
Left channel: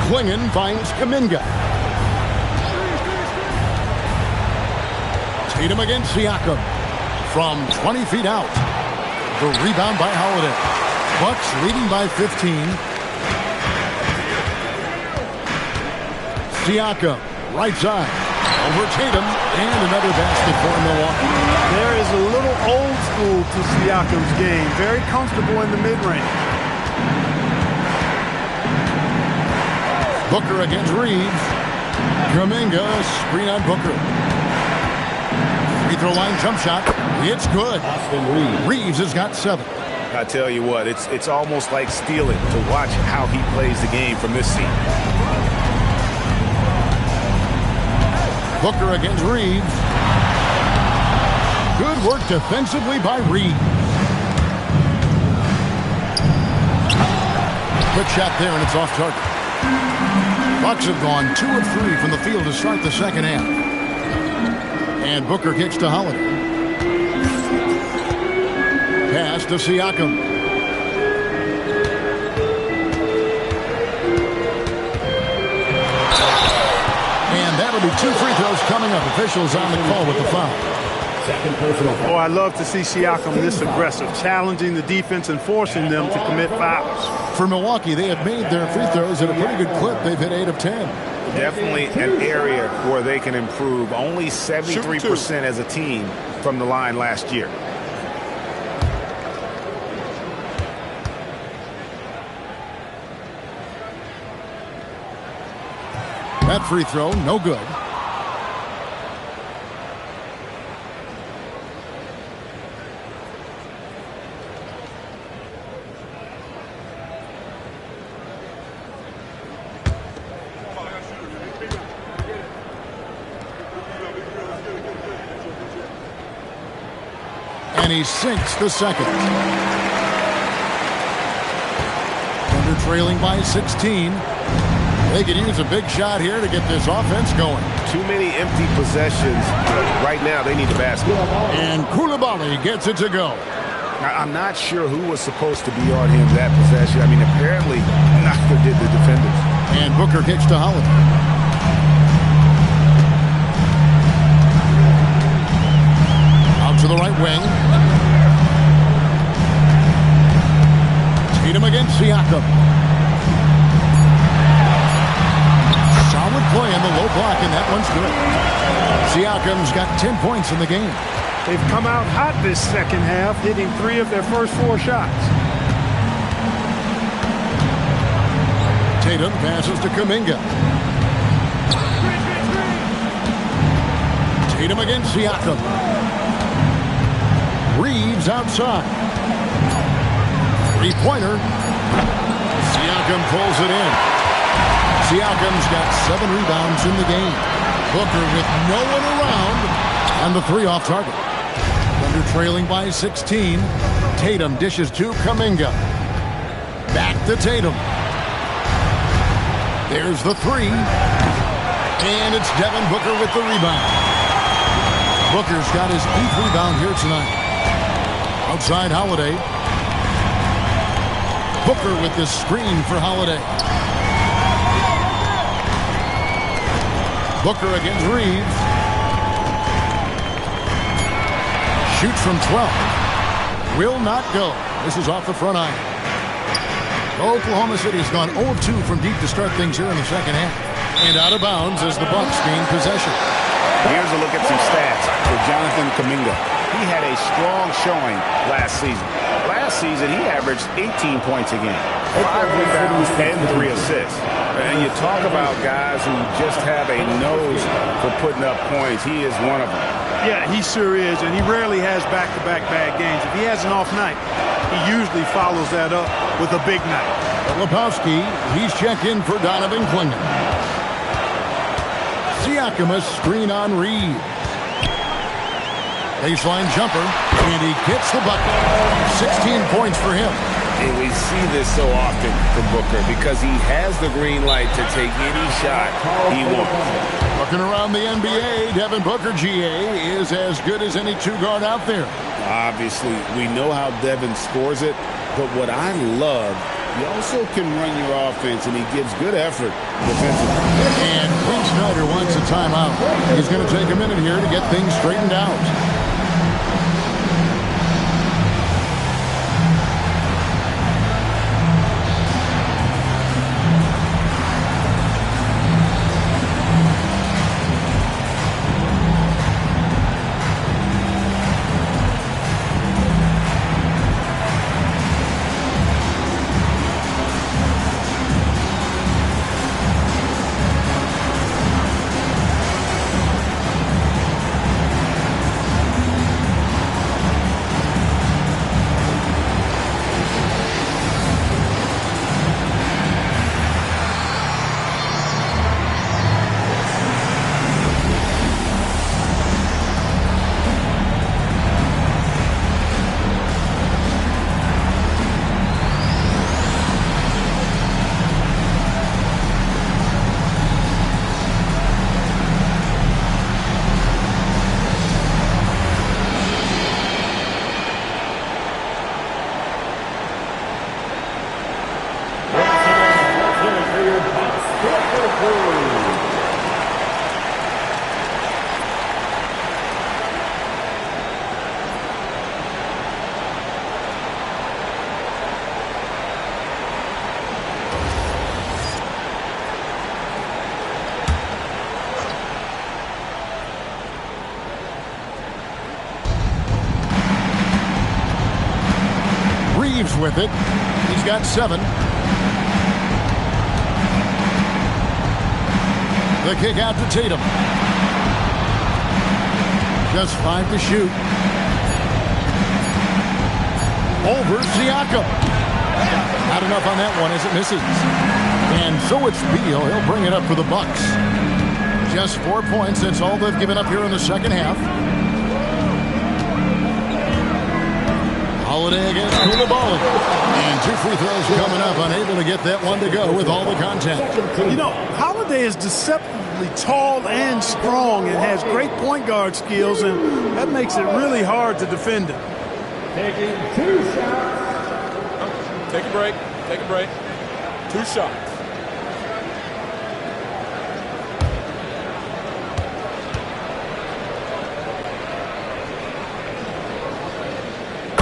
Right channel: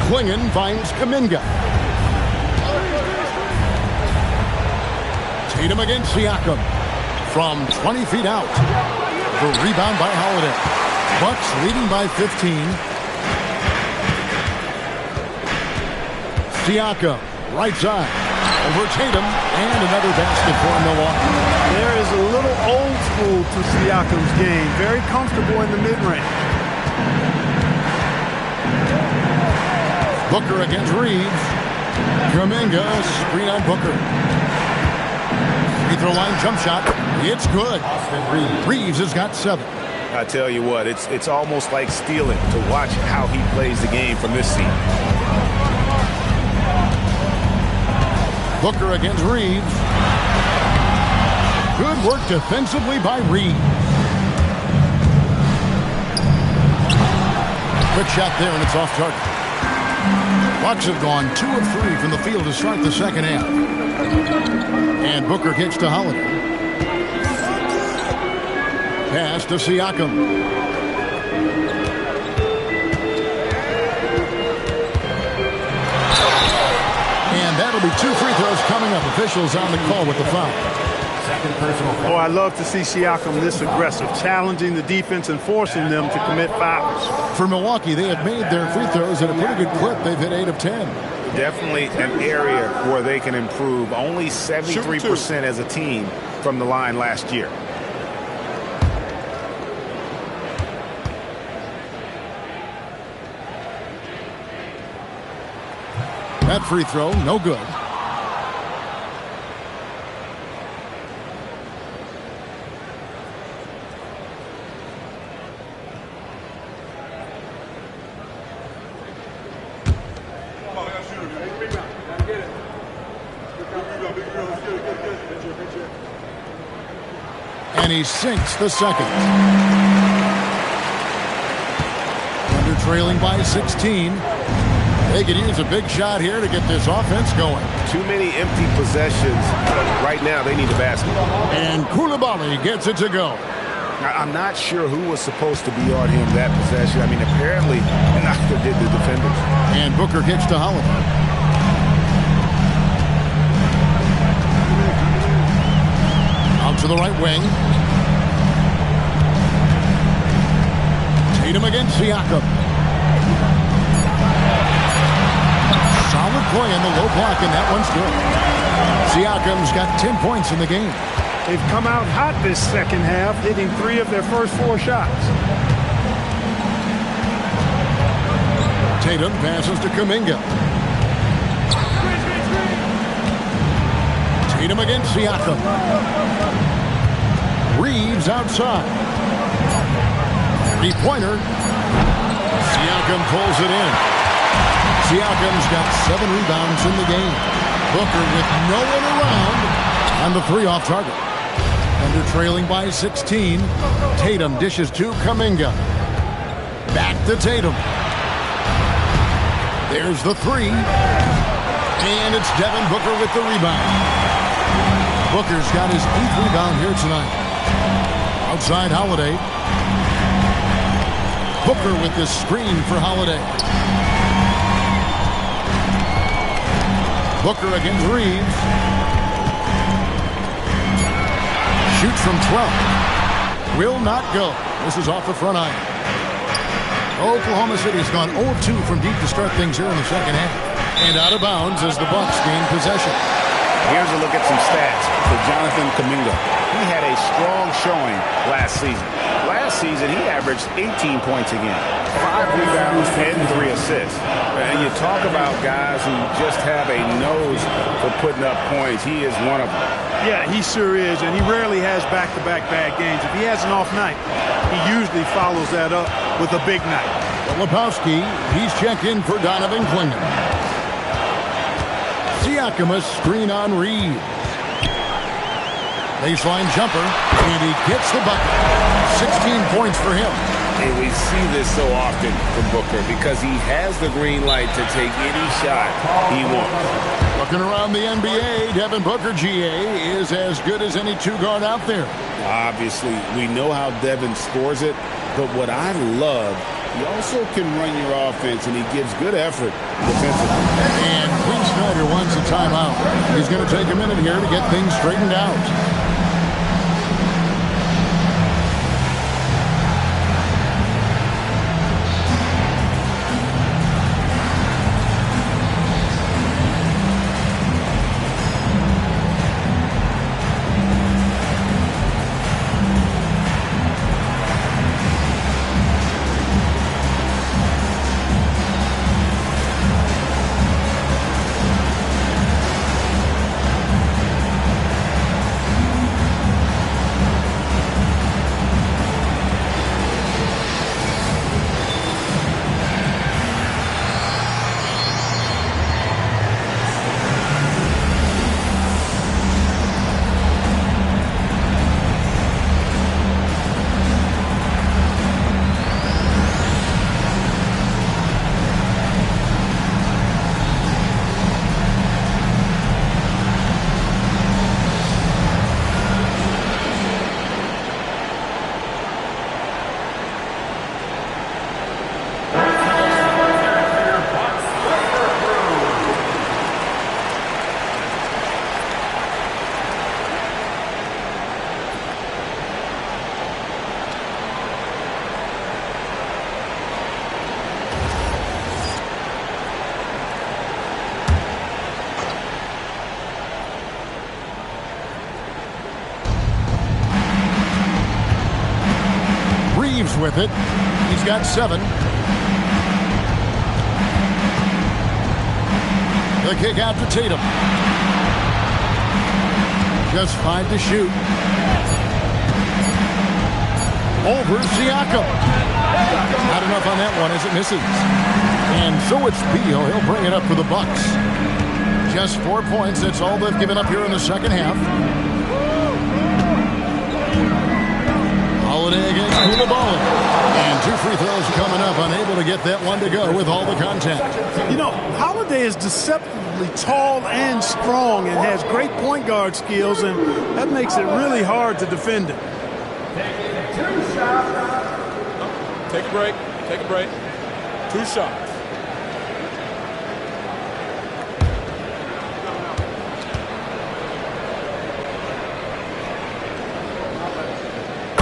Clingan finds Kuminga. Tatum against Siakam. From 20 feet out. The rebound by Holiday. Bucks leading by 15. Siakam, right side. Over Tatum, and another basket for Milwaukee. There is a little old school to Siakam's game. Very comfortable in the mid-range. Booker against Reeves. Kuminga, screen on Booker. Free throw line jump shot. It's good. Reeves has got 7. I tell you what, it's almost like stealing to watch how he plays the game from this seat. Booker against Reeves. Good work defensively by Reeves. Quick shot there, and it's off target. Bucks have gone 2 of 3 from the field to start the second half. And Booker kicks to Holiday. Pass to Siakam. And that'll be 2 free throws coming up. Officials on the call with the foul. Second personal foul. Oh, I love to see Siakam this aggressive, challenging the defense and forcing them to commit fouls. For Milwaukee, they have made their free throws at a pretty good clip. They've hit 8 of 10. Definitely an area where they can improve. Only 73% as a team from the line last year. That free throw, no good. And he sinks the second. Thunder trailing by 16. They could use a big shot here to get this offense going. Too many empty possessions. Right now, they need the basket. And Koulibaly gets it to go. Now, I'm not sure who was supposed to be on him that possession. I mean, apparently, neither did the defenders. And Booker kicks to Holiday. Out to the right wing. Tatum against Siakam. Solid play in the low block, and that one's good. Siakam's got 10 points in the game. They've come out hot this second half, hitting 3 of their first 4 shots. Tatum passes to Kuminga. Tatum against Siakam. Reeves outside. 3-pointer. Siakam pulls it in. Siakam's got 7 rebounds in the game. Booker with no one around, and the 3 off target. Thunder trailing by 16. Tatum dishes to Kuminga. Back to Tatum. There's the 3. And it's Devin Booker with the rebound. Booker's got his 8th rebound here tonight. Outside Holiday. Booker with this screen for Holiday. Booker against Reeves. Shoots from 12. Will not go. This is off the front iron. Oklahoma City's gone 0-2 from deep to start things here in the second half. And out of bounds as the Bucks gain possession. Here's a look at some stats for Jonathan Kuminga. He had a strong showing last season. Last season, he averaged 18 points a game, 5 rebounds, and 3 assists. And you talk about guys who just have a nose for putting up points. He is one of them. Yeah, he sure is, and he rarely has back-to-back bad games. If he has an off night, he usually follows that up with a big night. Filipowski, he's checked in for Donovan Clingan. Siakam a screen on Reeves. Baseline jumper, and he gets the bucket. 16 points for him. And we see this so often from Booker because he has the green light to take any shot he wants. Looking around the NBA, Devin Booker, GA, is as good as any 2-guard out there. Obviously, we know how Devin scores it, but what I love, he also can run your offense, and he gives good effort defensively. And Quinn Snyder wants a timeout. He's going to take a minute here to get things straightened out. Reeves with it. He's got 7. The kick out to Tatum. Just 5 to shoot. Over Siakam. Not enough on that one as it misses. And so it's Beal. He'll bring it up for the Bucks. Just 4 points. That's all they've given up here in the second half. Holiday against Koulibaly. And 2 free throws coming up, unable to get that one to go with all the contact. You know, Holiday is deceptively tall and strong and has great point guard skills, and that makes it really hard to defend him. Taking 2 shots. Take a break. Take a break. 2 shots.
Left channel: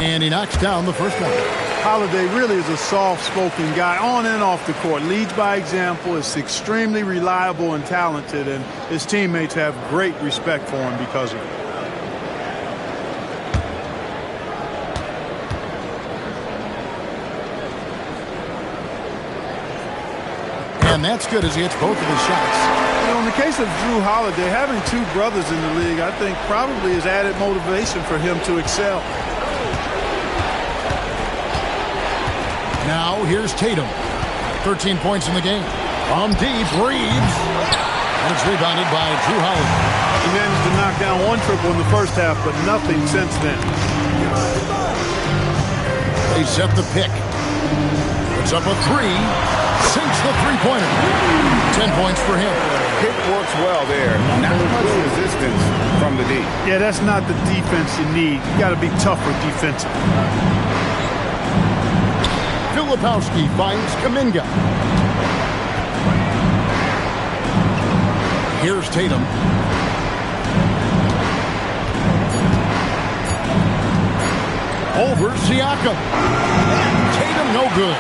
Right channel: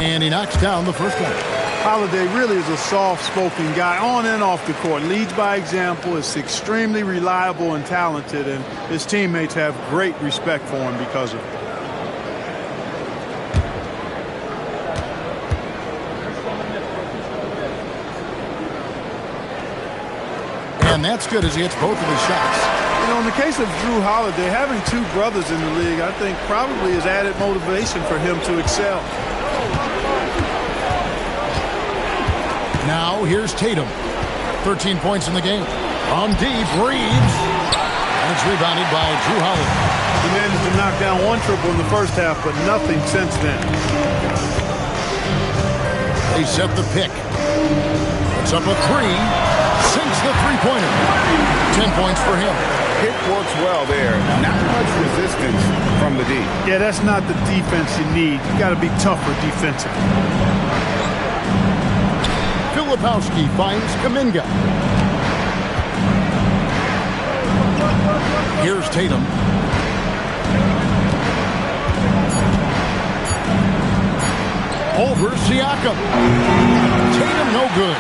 And he knocks down the first one. Holiday really is a soft-spoken guy on and off the court. Leads by example, is extremely reliable and talented, and his teammates have great respect for him because of it. And that's good as he hits both of his shots. You know, in the case of Drew Holiday, having 2 brothers in the league, I think probably is added motivation for him to excel. Now here's Tatum. 13 points in the game. From deep, Reeves. And it's rebounded by Drew Holiday. He managed to knock down 1 triple in the first half, but nothing since then. They set the pick. Puts up a 3. Sinks the three-pointer. 10 points for him. Pick works well there. Not much resistance from the D. Yeah, that's not the defense you need. You got to be tougher defensively. Filipowski finds Kuminga. Here's Tatum. Over Siakam. Tatum no good.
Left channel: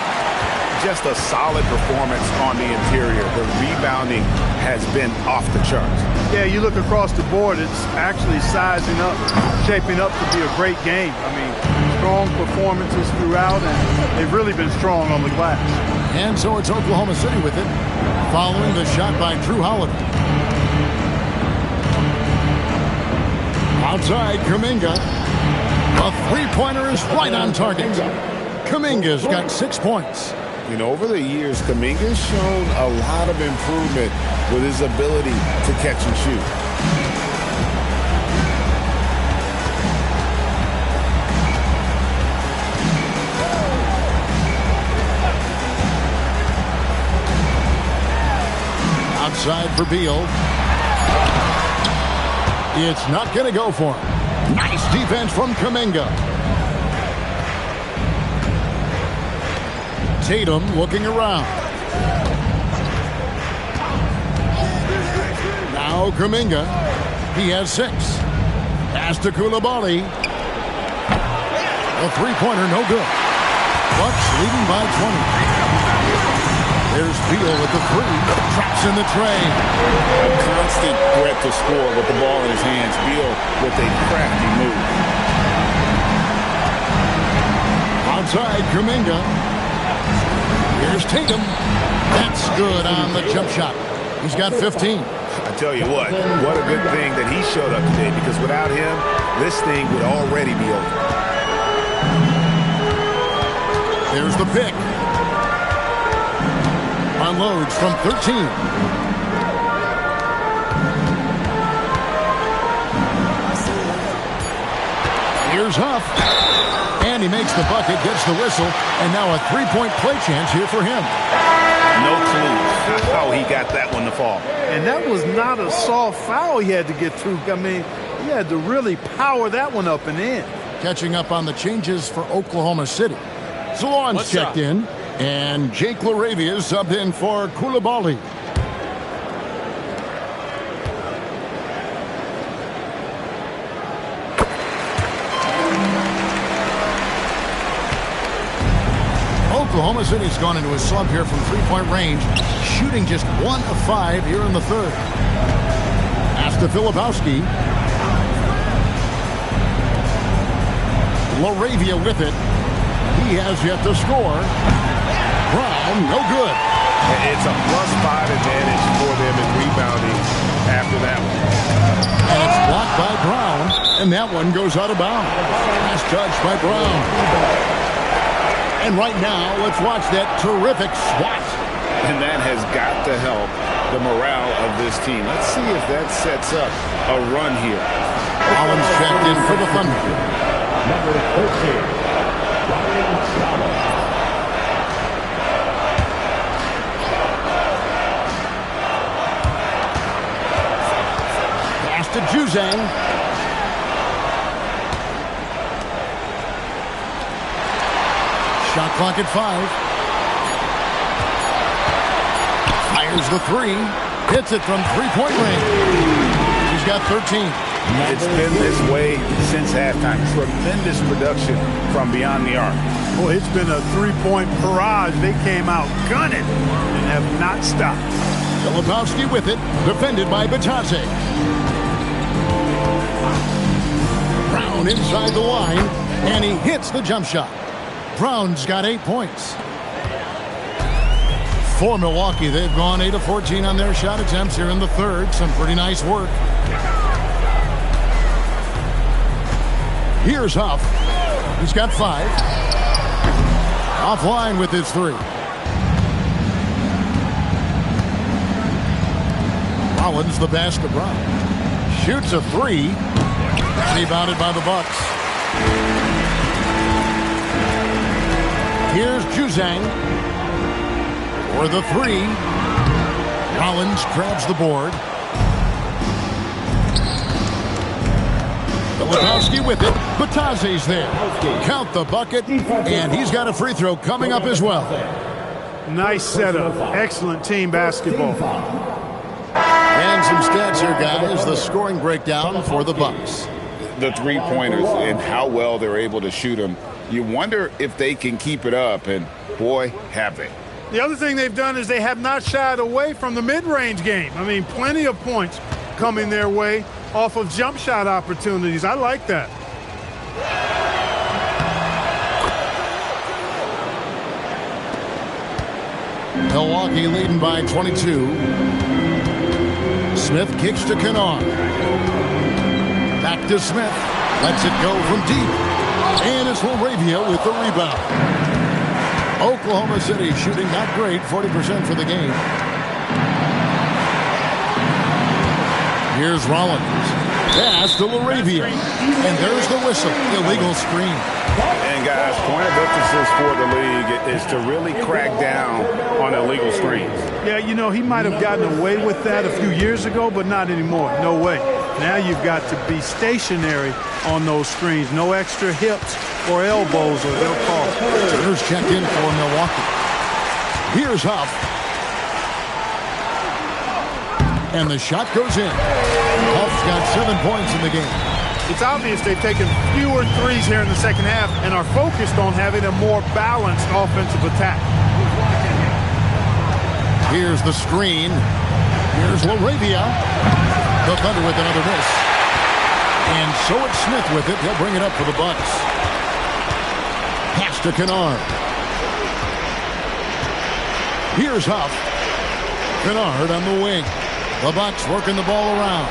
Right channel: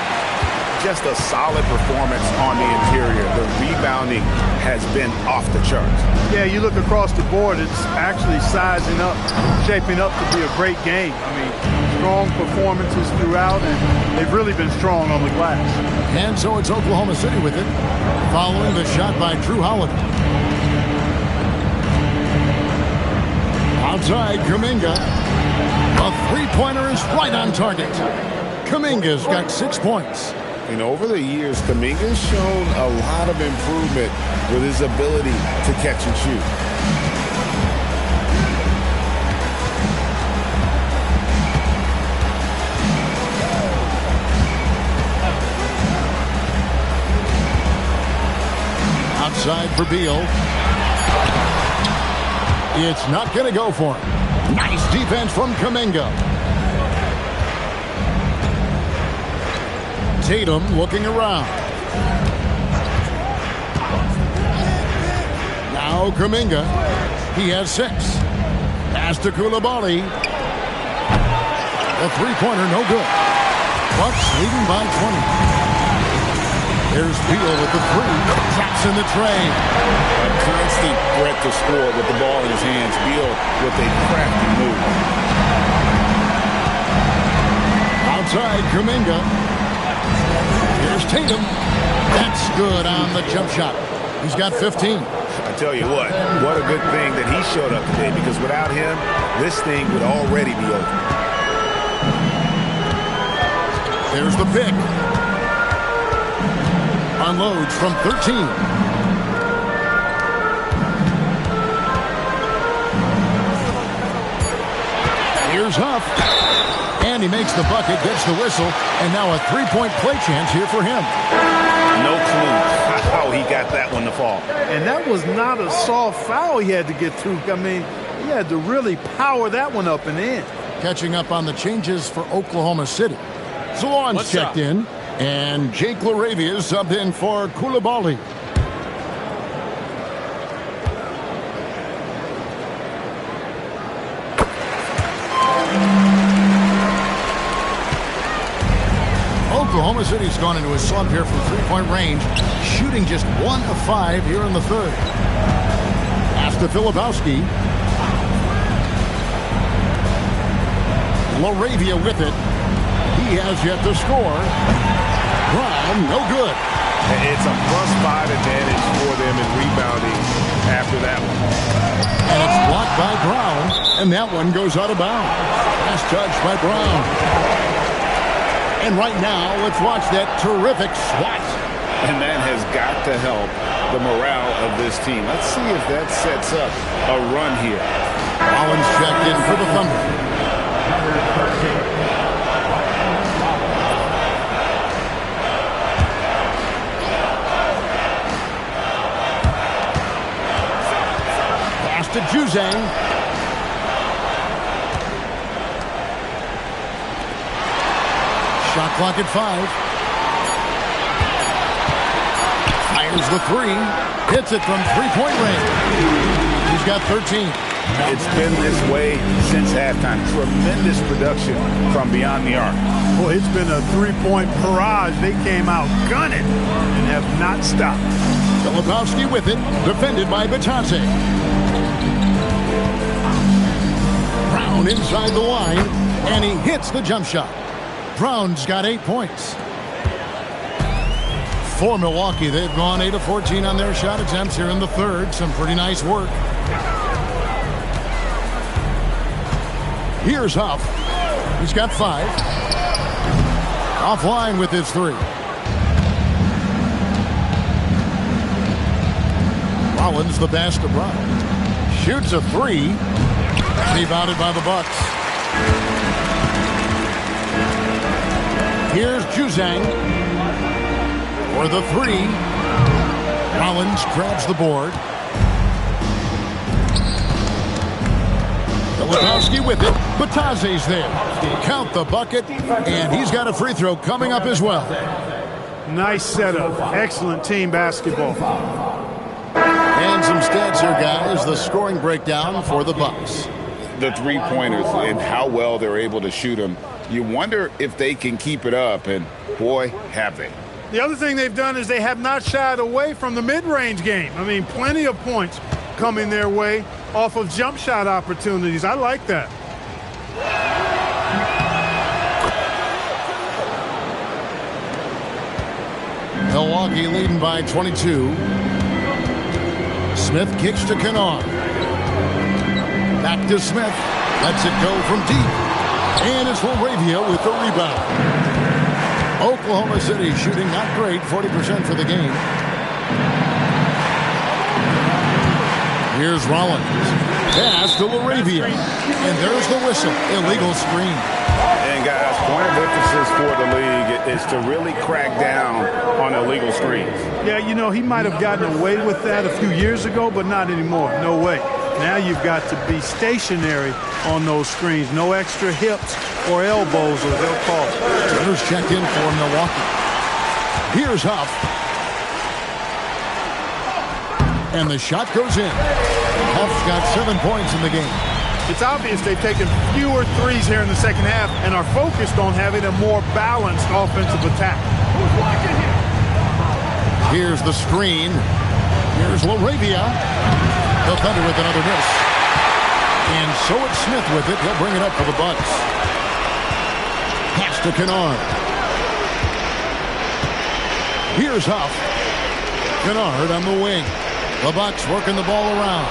Just a solid performance on the interior. The rebounding has been off the charts. Yeah, you look across the board, it's actually sizing up, shaping up to be a great game. I mean, strong performances throughout, and they've really been strong on the glass. And so it's Oklahoma City with it, following the shot by Drew Holiday. Outside, Kuminga. A three-pointer is right on target. Kuminga's got 6 points. You know, over the years, Kuminga's shown a lot of improvement with his ability to catch and shoot. Outside for Beal. It's not going to go for him. Nice defense from Kuminga. Tatum looking around. Now Kuminga. He has 6. Pass to Koulibaly. The three-pointer no good. Bucks leading by 20. There's Beal with the 3. Traps in the tray. A constant threat to score with the ball in his hands. Beal with a crafty move. Outside Kuminga. Here's Tatum. That's good on the jump shot. He's got 15. I tell you what a good thing that he showed up today, because without him, this thing would already be over. There's the pick. Unloads from 13. Here's Huff. And he makes the bucket, gets the whistle, and now a three-point play chance here for him. No clue how he got that one to fall. And that was not a soft foul he had to get through. I mean, he had to really power that one up and in. Catching up on the changes for Oklahoma City. Zalon's checked in, and Jake LaRavia subbed in for Koulibaly. Oklahoma City's gone into a slump here from three-point range, shooting just 1 of 5 here in the third. Pass to Filipowski. LaRavia with it. He has yet to score. Brown, no good. It's a +5 advantage for them in rebounding after that one. And it's blocked by Brown, and that one goes out of bounds. Pass judged by Brown. And right now, let's watch that terrific swat. And that has got to help the morale of this team. Let's see if that sets up a run here. Rollins checked in for the Thunder. Number 13. to Juzang. Shot clock at 5. Fires the 3. Hits it from three-point range. He's got 13. It's been this way since halftime. Tremendous production from beyond the arc. Boy, it's been a three-point barrage. They came out gunning and have not stopped. Filipowski with it, defended by Batase. Brown inside the line, and he hits the jump shot. Brown's got 8 points. For Milwaukee, they've gone 8 of 14 on their shot attempts here in the third. Some pretty nice work. Here's Huff. He's got 5. Offline with his 3. Rollins the pass to Brown. Shoots a 3. Rebounded by the Bucks. Here's Juzang for the 3. Rollins grabs the board. Filipowski with it. Batase's there. Count the bucket, and he's got a free throw coming up as well. Nice setup. Excellent team basketball. And some stats here, guys. The scoring breakdown for the Bucks. The three-pointers and how well they're able to shoot them. You wonder if they can keep it up, and boy, have they. The other thing they've done is they have not shied away from the mid-range game. I mean, plenty of points coming their way off of jump shot opportunities. I like that. Milwaukee leading by 22. Smith kicks to Kennard. Back to Smith. Lets it go from deep. And it's Laravia with the rebound. Oklahoma City shooting not great, 40% for the game. Here's Rollins. Pass to Laravia. And there's the whistle. Illegal screen. And guys, point of emphasis for the league is to really crack down on illegal screens. Yeah, you know, he might have gotten away with that a few years ago, but not anymore. No way. Now you've got to be stationary on those screens. No extra hips or elbows, or they'll call it. Turner's checked in for Milwaukee. Here's Huff. And the shot goes in. Huff's got 7 points in the game. It's obvious they've taken fewer threes here in the second half and are focused on having a more balanced offensive attack. Here's the screen. Here's Laravia. The Thunder with another miss. And so it's Smith with it. He'll bring it up for the Bucks. Pass to Kennard. Here's Huff. Kennard on the wing. The Bucks working the ball around.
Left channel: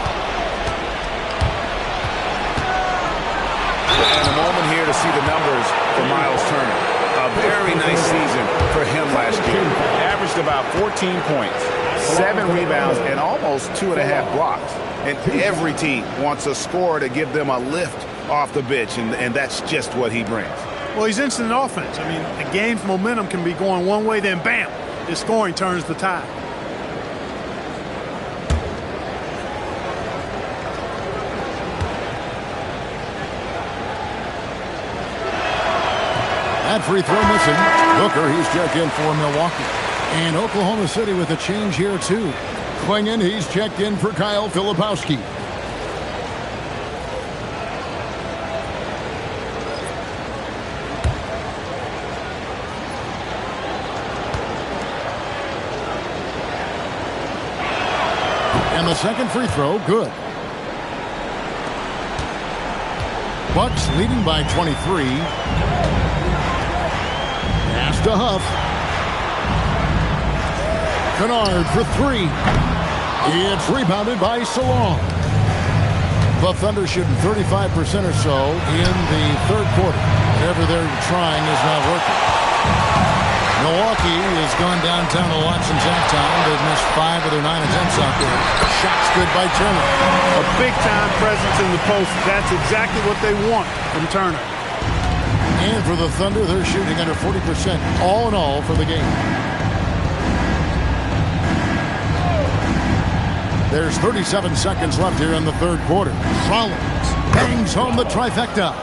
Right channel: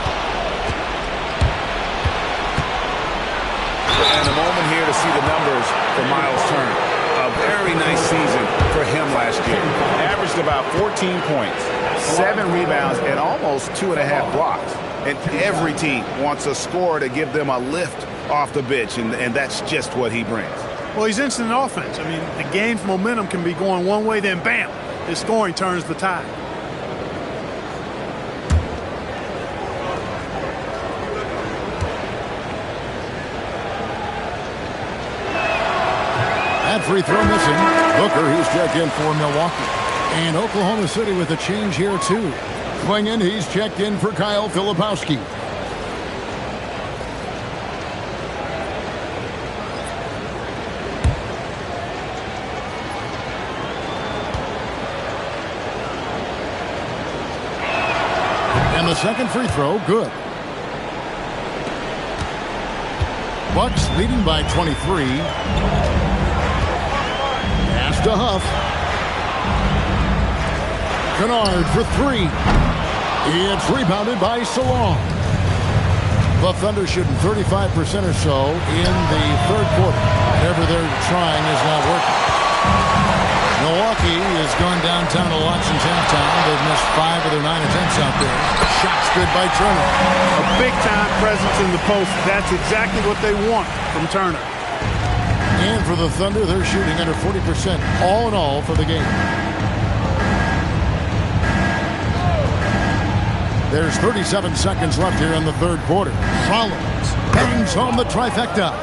And a moment here to see the numbers for Miles Turner. A very nice season for him last year. Averaged about 14 points, 7 rebounds, and almost 2.5 blocks. And every team wants a scorer to give them a lift off the bench, and that's just what he brings. Well, he's instant offense. I mean, the game's momentum can be going one way, then bam, his scoring turns the tide. That free throw missing. Booker, he's checked in for Milwaukee. And Oklahoma City with a change here, too. Clingan, he's checked in for Kyle Filipowski. And the second free throw, good. Bucks leading by 23. Pass to Huff. Kennard for 3. It's rebounded by Salong. The Thunder shooting 35% or so in the third quarter. Whatever they're trying is not working. Milwaukee has gone downtown a lot since halftime. They've missed 5 of their 9 attempts out there. Shots good by Turner. A big-time presence in the post. That's exactly what they want from Turner. And for the Thunder, they're shooting under 40% all in all for the game. There's 37 seconds left here in the third quarter. Rollins bangs home the trifecta.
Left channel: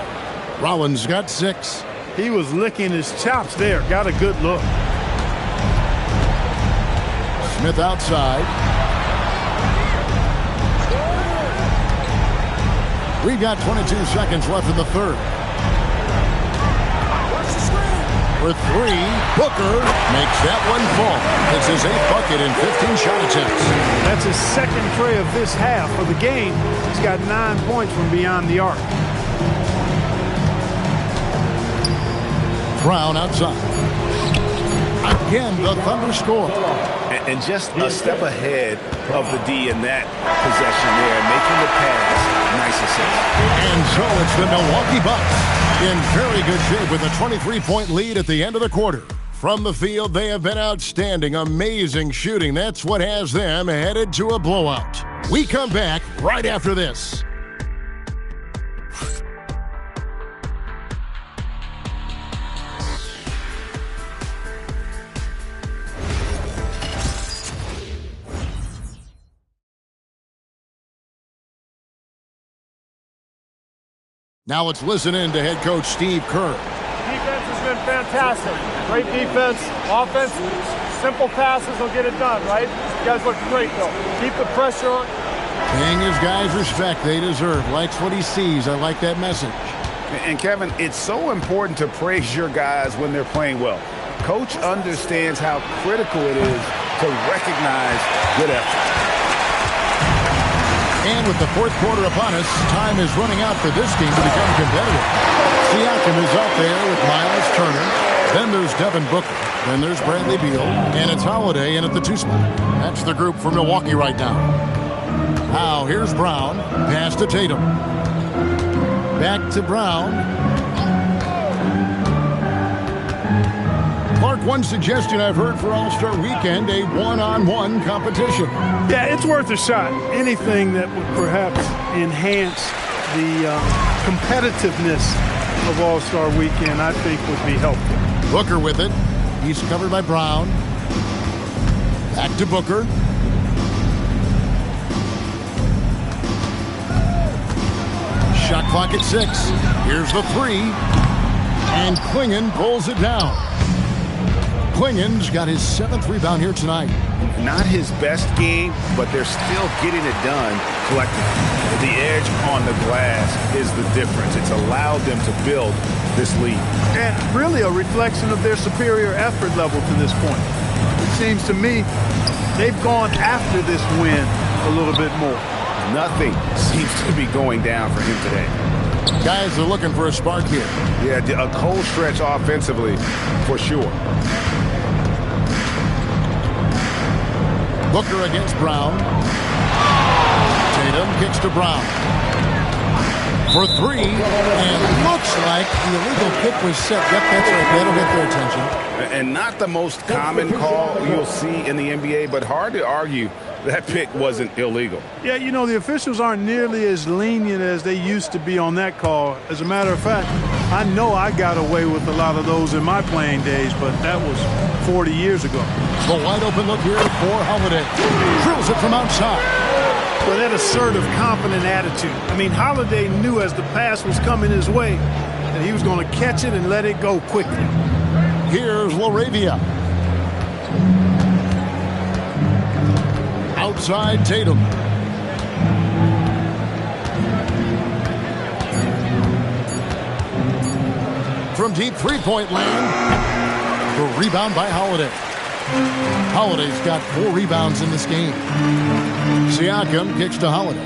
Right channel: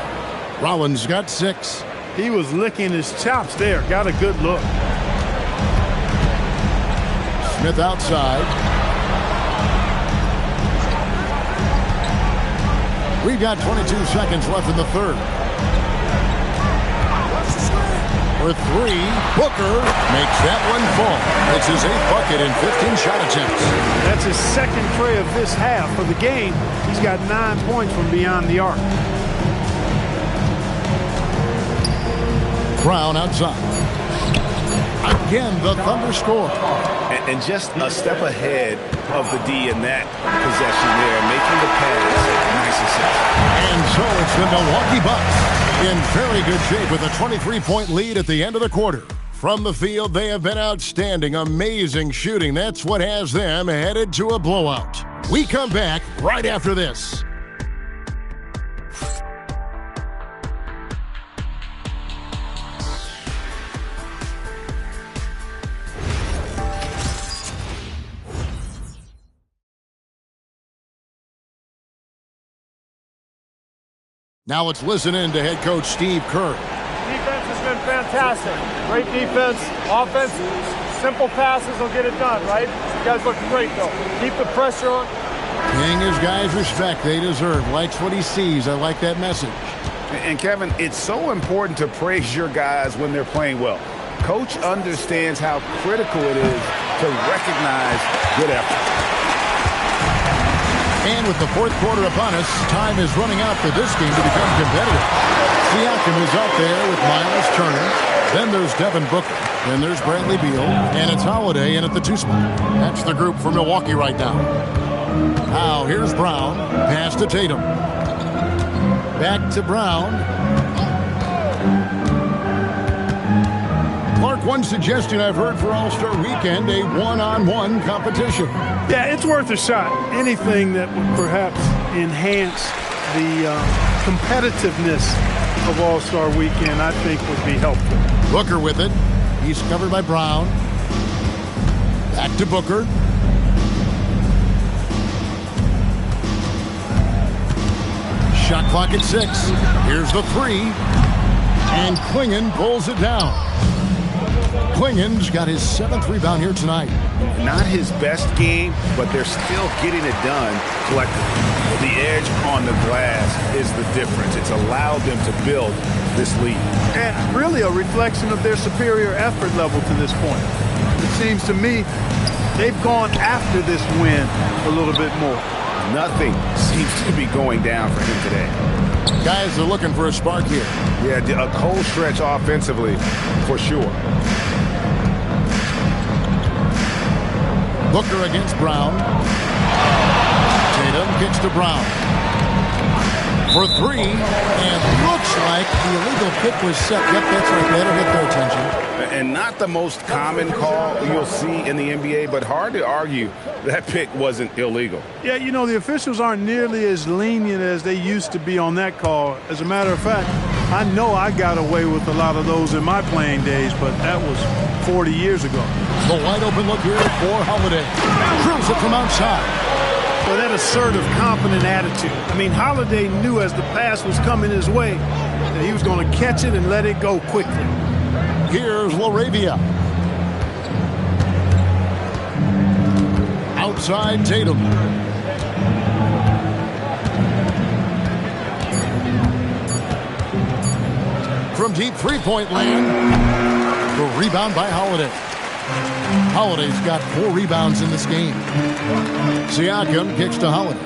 Rollins got 6. He was licking his chops there. Got a good look. Smith outside. We've got 22 seconds left in the third. For 3, Booker makes that one fall. It's his 8th bucket in 15 shot attempts. That's his second tray of this half. For the game, he's got 9 points from beyond the arc. Brown outside. Again, the Thunder score. And just a step ahead of the D in that possession there, making the pass. Nice assist. And so it's the Milwaukee Bucks in very good shape with a 23-point lead at the end of the quarter. From the field, they have been outstanding, amazing shooting. That's what has them headed to a blowout. We come back right after this. Now let's listen in to head coach Steve Kerr. Defense has been fantastic. Great defense. Offense, simple passes will get it done, right? You guys look great, though. Keep the pressure on. Paying his guys respect they deserve. Likes what he sees. I like that message. And Kevin, it's so important to praise your guys when they're playing well. Coach understands how critical it is to recognize good effort. And with the fourth quarter upon us, time is running out for this game to become competitive. Siakam is out there with Miles Turner. Then there's Devin Booker. Then there's Bradley Beal. And it's Holiday in at the 2 spot. That's the group for Milwaukee right now. Now here's Brown. Pass to Tatum. Back to Brown. Clark, one suggestion I've heard for All-Star Weekend, a one-on-one competition. Yeah, it's worth a shot. Anything that would perhaps enhance the competitiveness of All-Star Weekend, I think would be helpful. Booker with it. He's covered by Brown. Back to Booker. Shot clock at 6. Here's the 3. And Klingon pulls it down. Klingon's got his 7th rebound here tonight. Not his best game, but they're still getting it done collectively. The edge on the glass is the difference. It's allowed them to build this lead. And really a reflection of their superior effort level to this point. It seems to me they've gone after this win a little bit more. Nothing seems to be going down for him today. Guys are looking for a spark here. Yeah, a cold stretch offensively for sure. Booker against Brown. Tatum kicks to Brown. For 3, and looks like the illegal pick was set. Yep, that's right. That'll get their attention. And not the most common call you'll see in the NBA, but hard to argue that pick wasn't illegal. Yeah, you know, the officials aren't nearly as lenient as they used to be on that call. As a matter of fact, I know I got away with a lot of those in my playing days, but that was 40 years ago. The wide open look here for Holiday. Drills it from outside. Well, that assertive, confident attitude. I mean, Holiday knew as the pass was coming his way that he was going to catch it and let it go quickly. Here's LaRavia. Outside Tatum. From deep three-point land. The rebound by Holiday. Holiday's got 4 rebounds in this game. Siakam kicks to Holiday.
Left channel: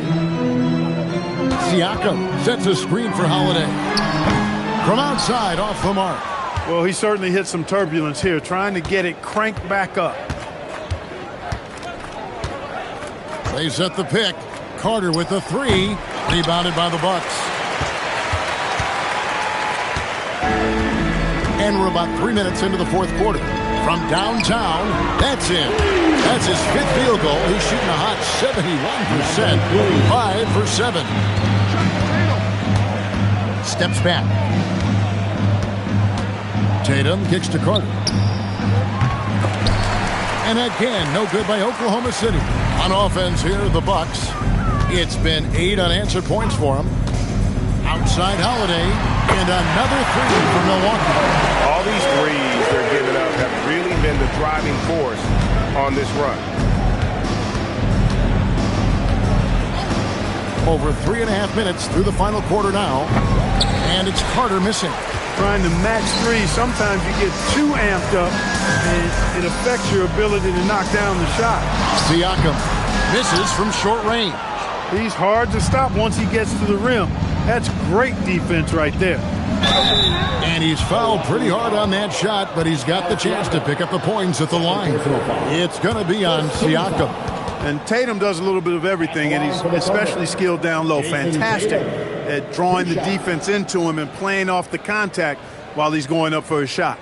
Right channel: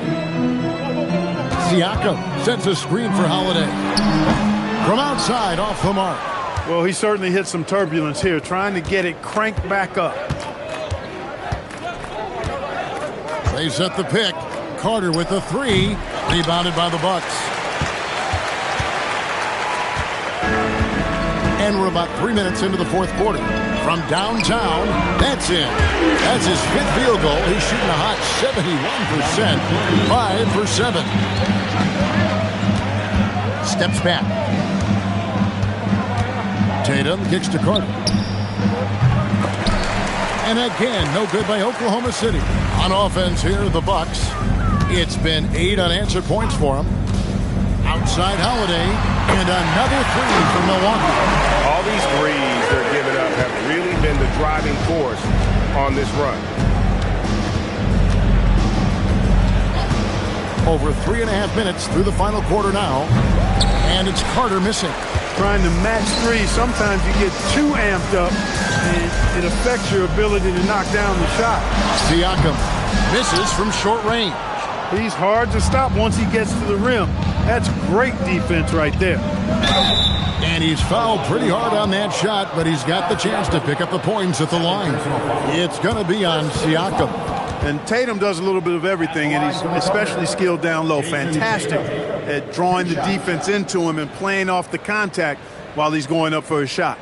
Siakam sets a screen for Holiday. From outside, off the mark. Well, he certainly hit some turbulence here, trying to get it cranked back up. They set the pick. Carter with the 3. Rebounded by the Bucks. And we're about 3 minutes into the fourth quarter. From downtown, that's in. That's his 5th field goal. He's shooting a hot 71%. 5 for 7. Steps back. Tatum kicks to Carter. And again, no good by Oklahoma City. On offense here, the Bucks. It's been 8 unanswered points for them. Outside Holiday, and another 3 for Milwaukee. All these threes they're giving up have really been the driving force on this run. Over 3.5 minutes through the final quarter now. And it's Carter missing. Trying to match threes, sometimes you get too amped up, and it affects your ability to knock down the shot. Siakam misses from short range. He's hard to stop once he gets to the rim. That's great defense right there. And he's fouled pretty hard on that shot, but he's got the chance to pick up the points at the line. It's going to be on Siakam. And Tatum does a little bit of everything, and he's especially skilled down low. Fantastic at drawing the defense into him and playing off the contact while he's going up for a shot.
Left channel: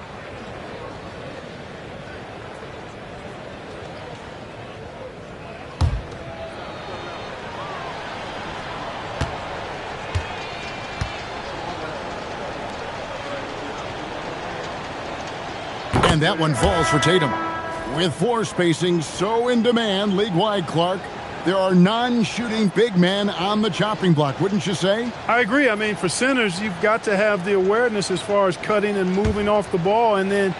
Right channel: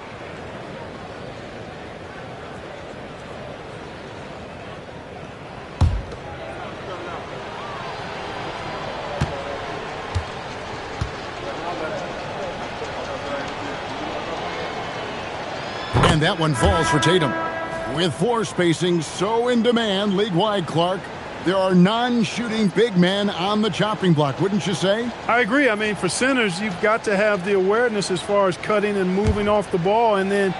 And that one falls for Tatum. With floor spacing so in demand league-wide, Clark, there are non-shooting big men on the chopping block, wouldn't you say? I agree. I mean, for centers, you've got to have the awareness as far as cutting and moving off the ball and then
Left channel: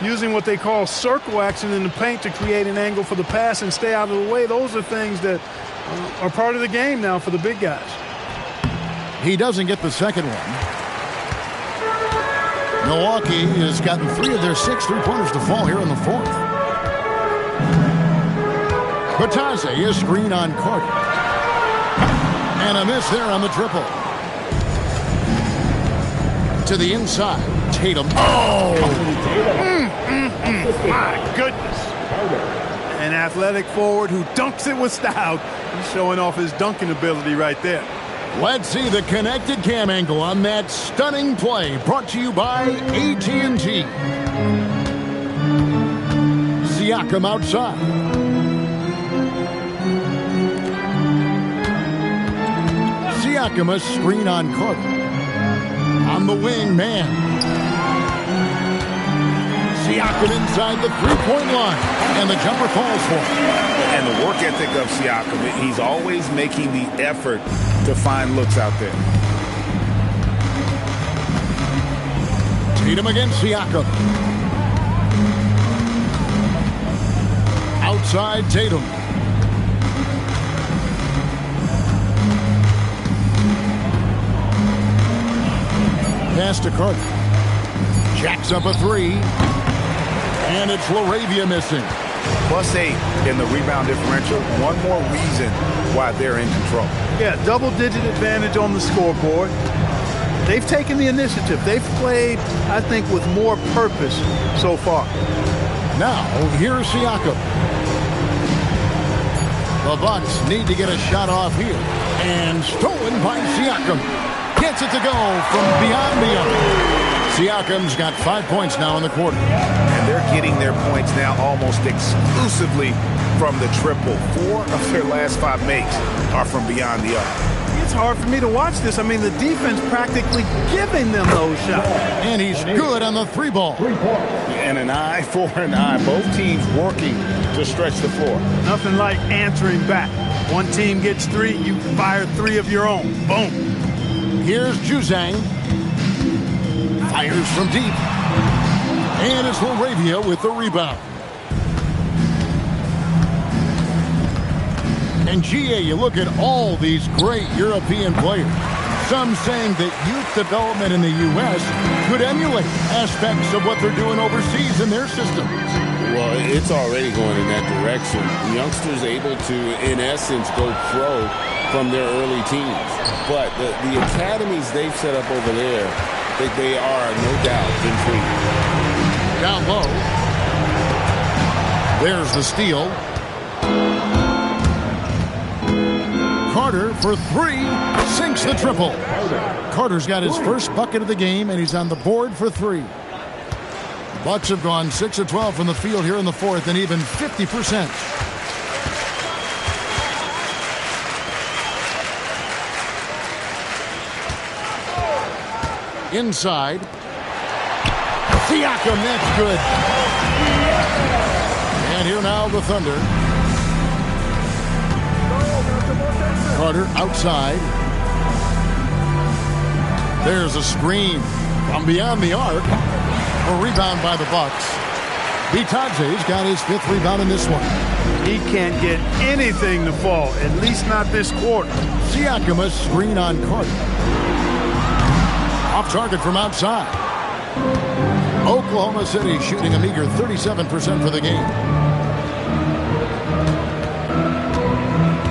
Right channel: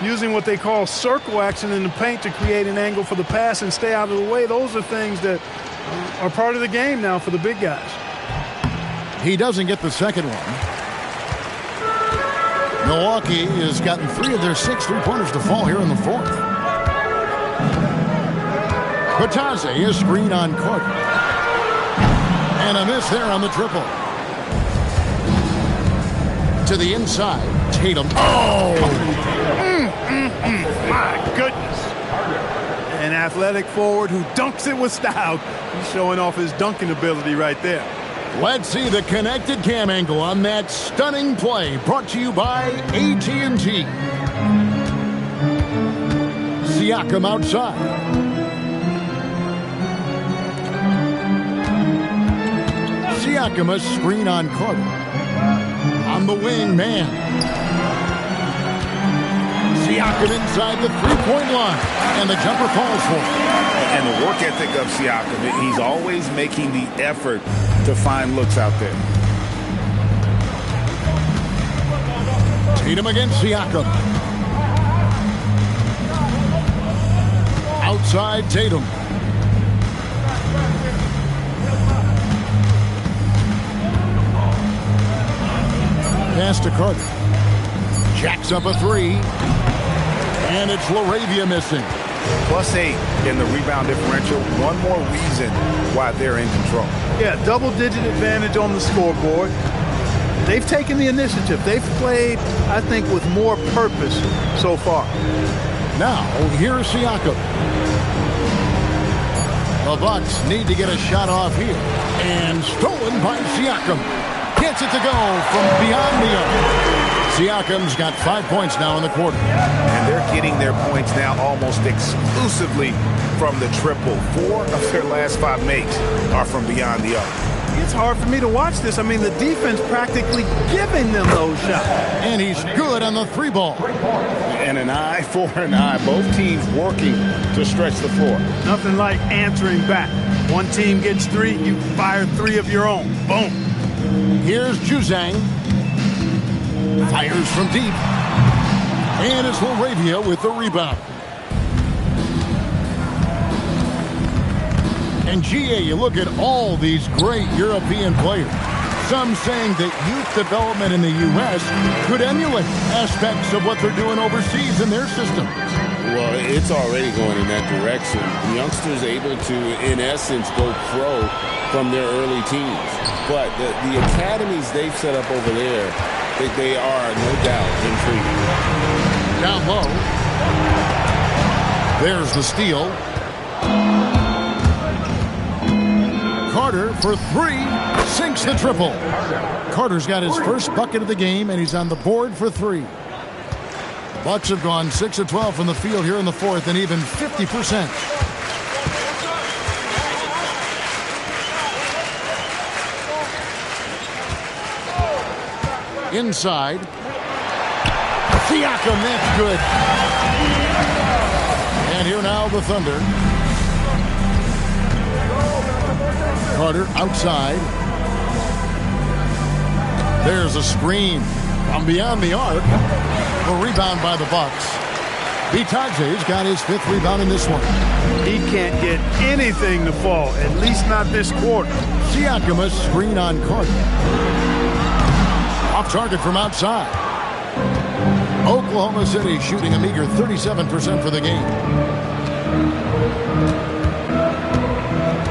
using what they call circle action in the paint to create an angle for the pass and stay out of the way. Those are things that are part of the game now for the big guys. He doesn't get the second one. Milwaukee has gotten 3 of their 6 three-pointers to fall here in the fourth. Batase, a screen on Carter. And a miss there on the triple. To the inside, Tatum. Oh! My goodness. An athletic forward who dunks it with style. He's showing off his dunking ability right there. Let's see the connected cam angle on that stunning play, brought to you by AT&T. Siakam outside. Siakam, a screen on Carter. On the wing, man. Siakam inside the three-point line, and the jumper falls for him. And the work ethic of Siakam, he's always making the effort to find looks out there. Tatum against Siakam. Outside Tatum. Pass to Carter. Jacks up a 3. And it's LaRavia missing. +8 in the rebound differential. One more reason why they're in control. Yeah, double-digit advantage on the scoreboard. They've taken the initiative. They've played, I think, with more purpose so far. Now, here's Siakam. The Bucks need to get a shot off here. And stolen by Siakam. Gets it to go from beyond the arc. Siakam's got 5 points now in the quarter. And they're getting their points now almost exclusively from the triple. 4 of their last 5 makes are from beyond the arc. It's hard for me to watch this. I mean, the defense practically giving them those shots. And he's good on the 3-ball. And an eye for an eye. Both teams working to stretch the floor. Nothing like answering back. One team gets 3, you fire 3 of your own. Boom. Here's Juzang. Fires from deep. And it's LaRavia with the rebound. And GA, you look at all these great European players. Some saying that youth development in the U.S. could emulate aspects of what they're doing overseas in their systems. Well, it's already going in that direction. The youngsters able to, in essence, go pro from their early teens. But the academies they've set up over there, they are, no doubt, intriguing. Down low. There's the steal. Carter for 3, sinks the triple. Carter's got his first bucket of the game, and he's on the board for 3. The Bucks have gone 6 of 12 from the field here in the fourth, and even 50%. Inside. Siakam, that's good. And here now the Thunder. Carter outside. There's a screen from beyond the arc. A rebound by the Bucks. Bitadze's got his 5th rebound in this one. He can't get anything to fall, at least not this quarter. Siakam a screen on Carter. Off target from outside. Oklahoma City shooting a meager 37% for the game.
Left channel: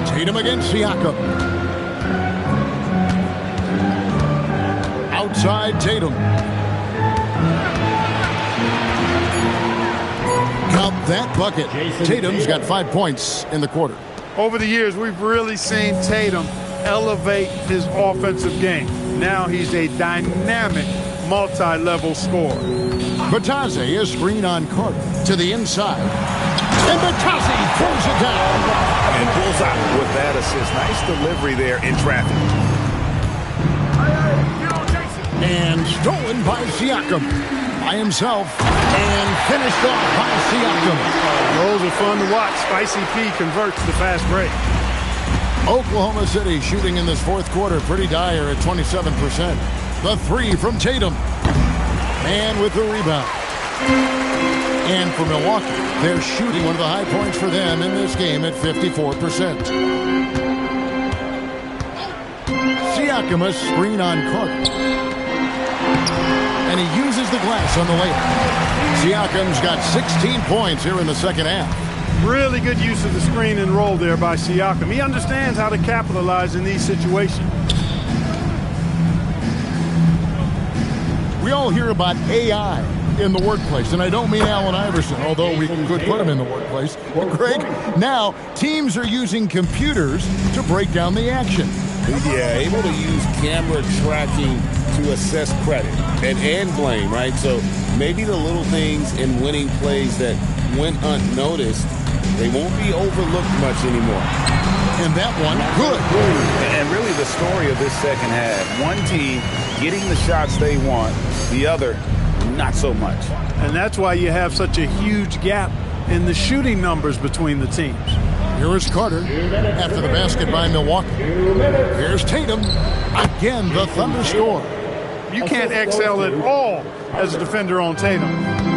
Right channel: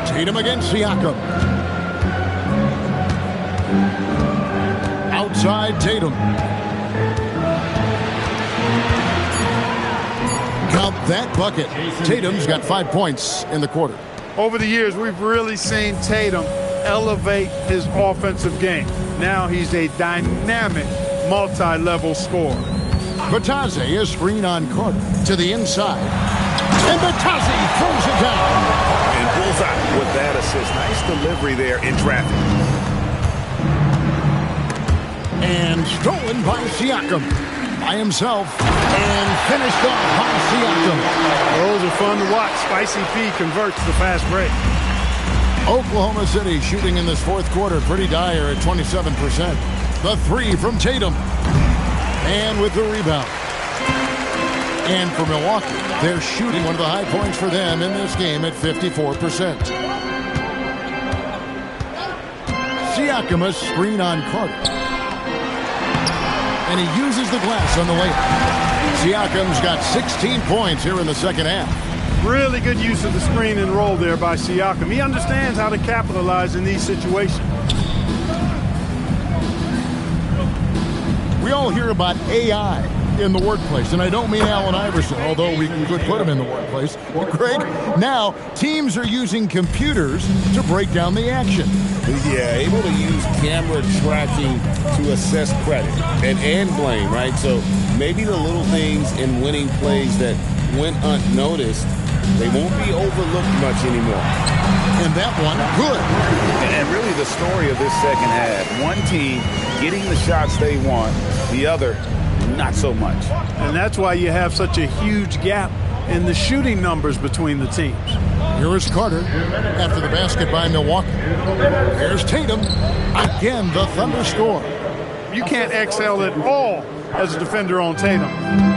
Tatum against Siakam. Outside Tatum. Count that bucket. Tatum's got 5 points in the quarter. Over the years, we've really seen Tatum elevate his offensive game. Now he's a dynamic, multi-level scorer. Bitadze, a screen on Carter to the inside. And Bitadze throws it down. And bullseye with that assist. Nice delivery there in traffic. And stolen by Siakam. By himself. And finished off by Siakam. Those are fun to watch. Spicy P converts the fast break. Oklahoma City shooting in this 4th quarter pretty dire at 27%. The 3 from Tatum. And with the rebound. And for Milwaukee, they're shooting one of the high points for them in this game at 54%. Siakam a screen on Carter. And he uses the glass on the layup. Siakam's got 16 points here in the second half. Really good use of the screen and roll there by Siakam. He understands how to capitalize in these situations. We all hear about AI in the workplace, and I don't mean Allen Iverson, although we could put him in the workplace. Greg, now teams are using computers to break down the action. Yeah, able to use camera tracking to assess credit and blame, right? So maybe the little things in winning plays that went unnoticed, they won't be overlooked much anymore. And that one, good. And really the story of this second half, one team getting the shots they want, the other not so much. And that's why you have such a huge gap in the shooting numbers between the teams. Here is Carter after the basket by Milwaukee. Here's Tatum. Again, the Thunder score. You can't excel at all as a defender on Tatum.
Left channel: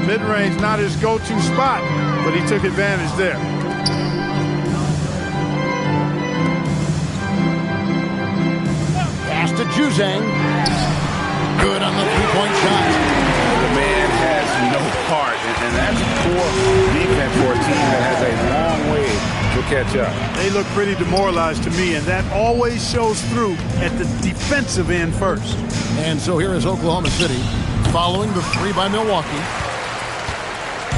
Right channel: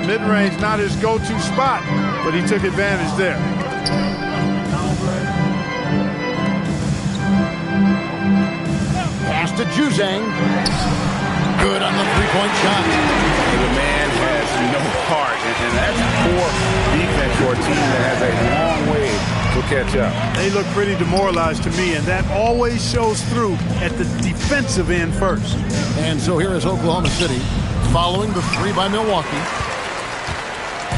Mid-range not his go-to spot, but he took advantage there. Pass to Juzang. Good on the three-point shot. The man has no heart, and that's poor defense for a team that has a long way to catch up. They look pretty demoralized to me, and that always shows through at the defensive end first. And so here is Oklahoma City following the 3 by Milwaukee.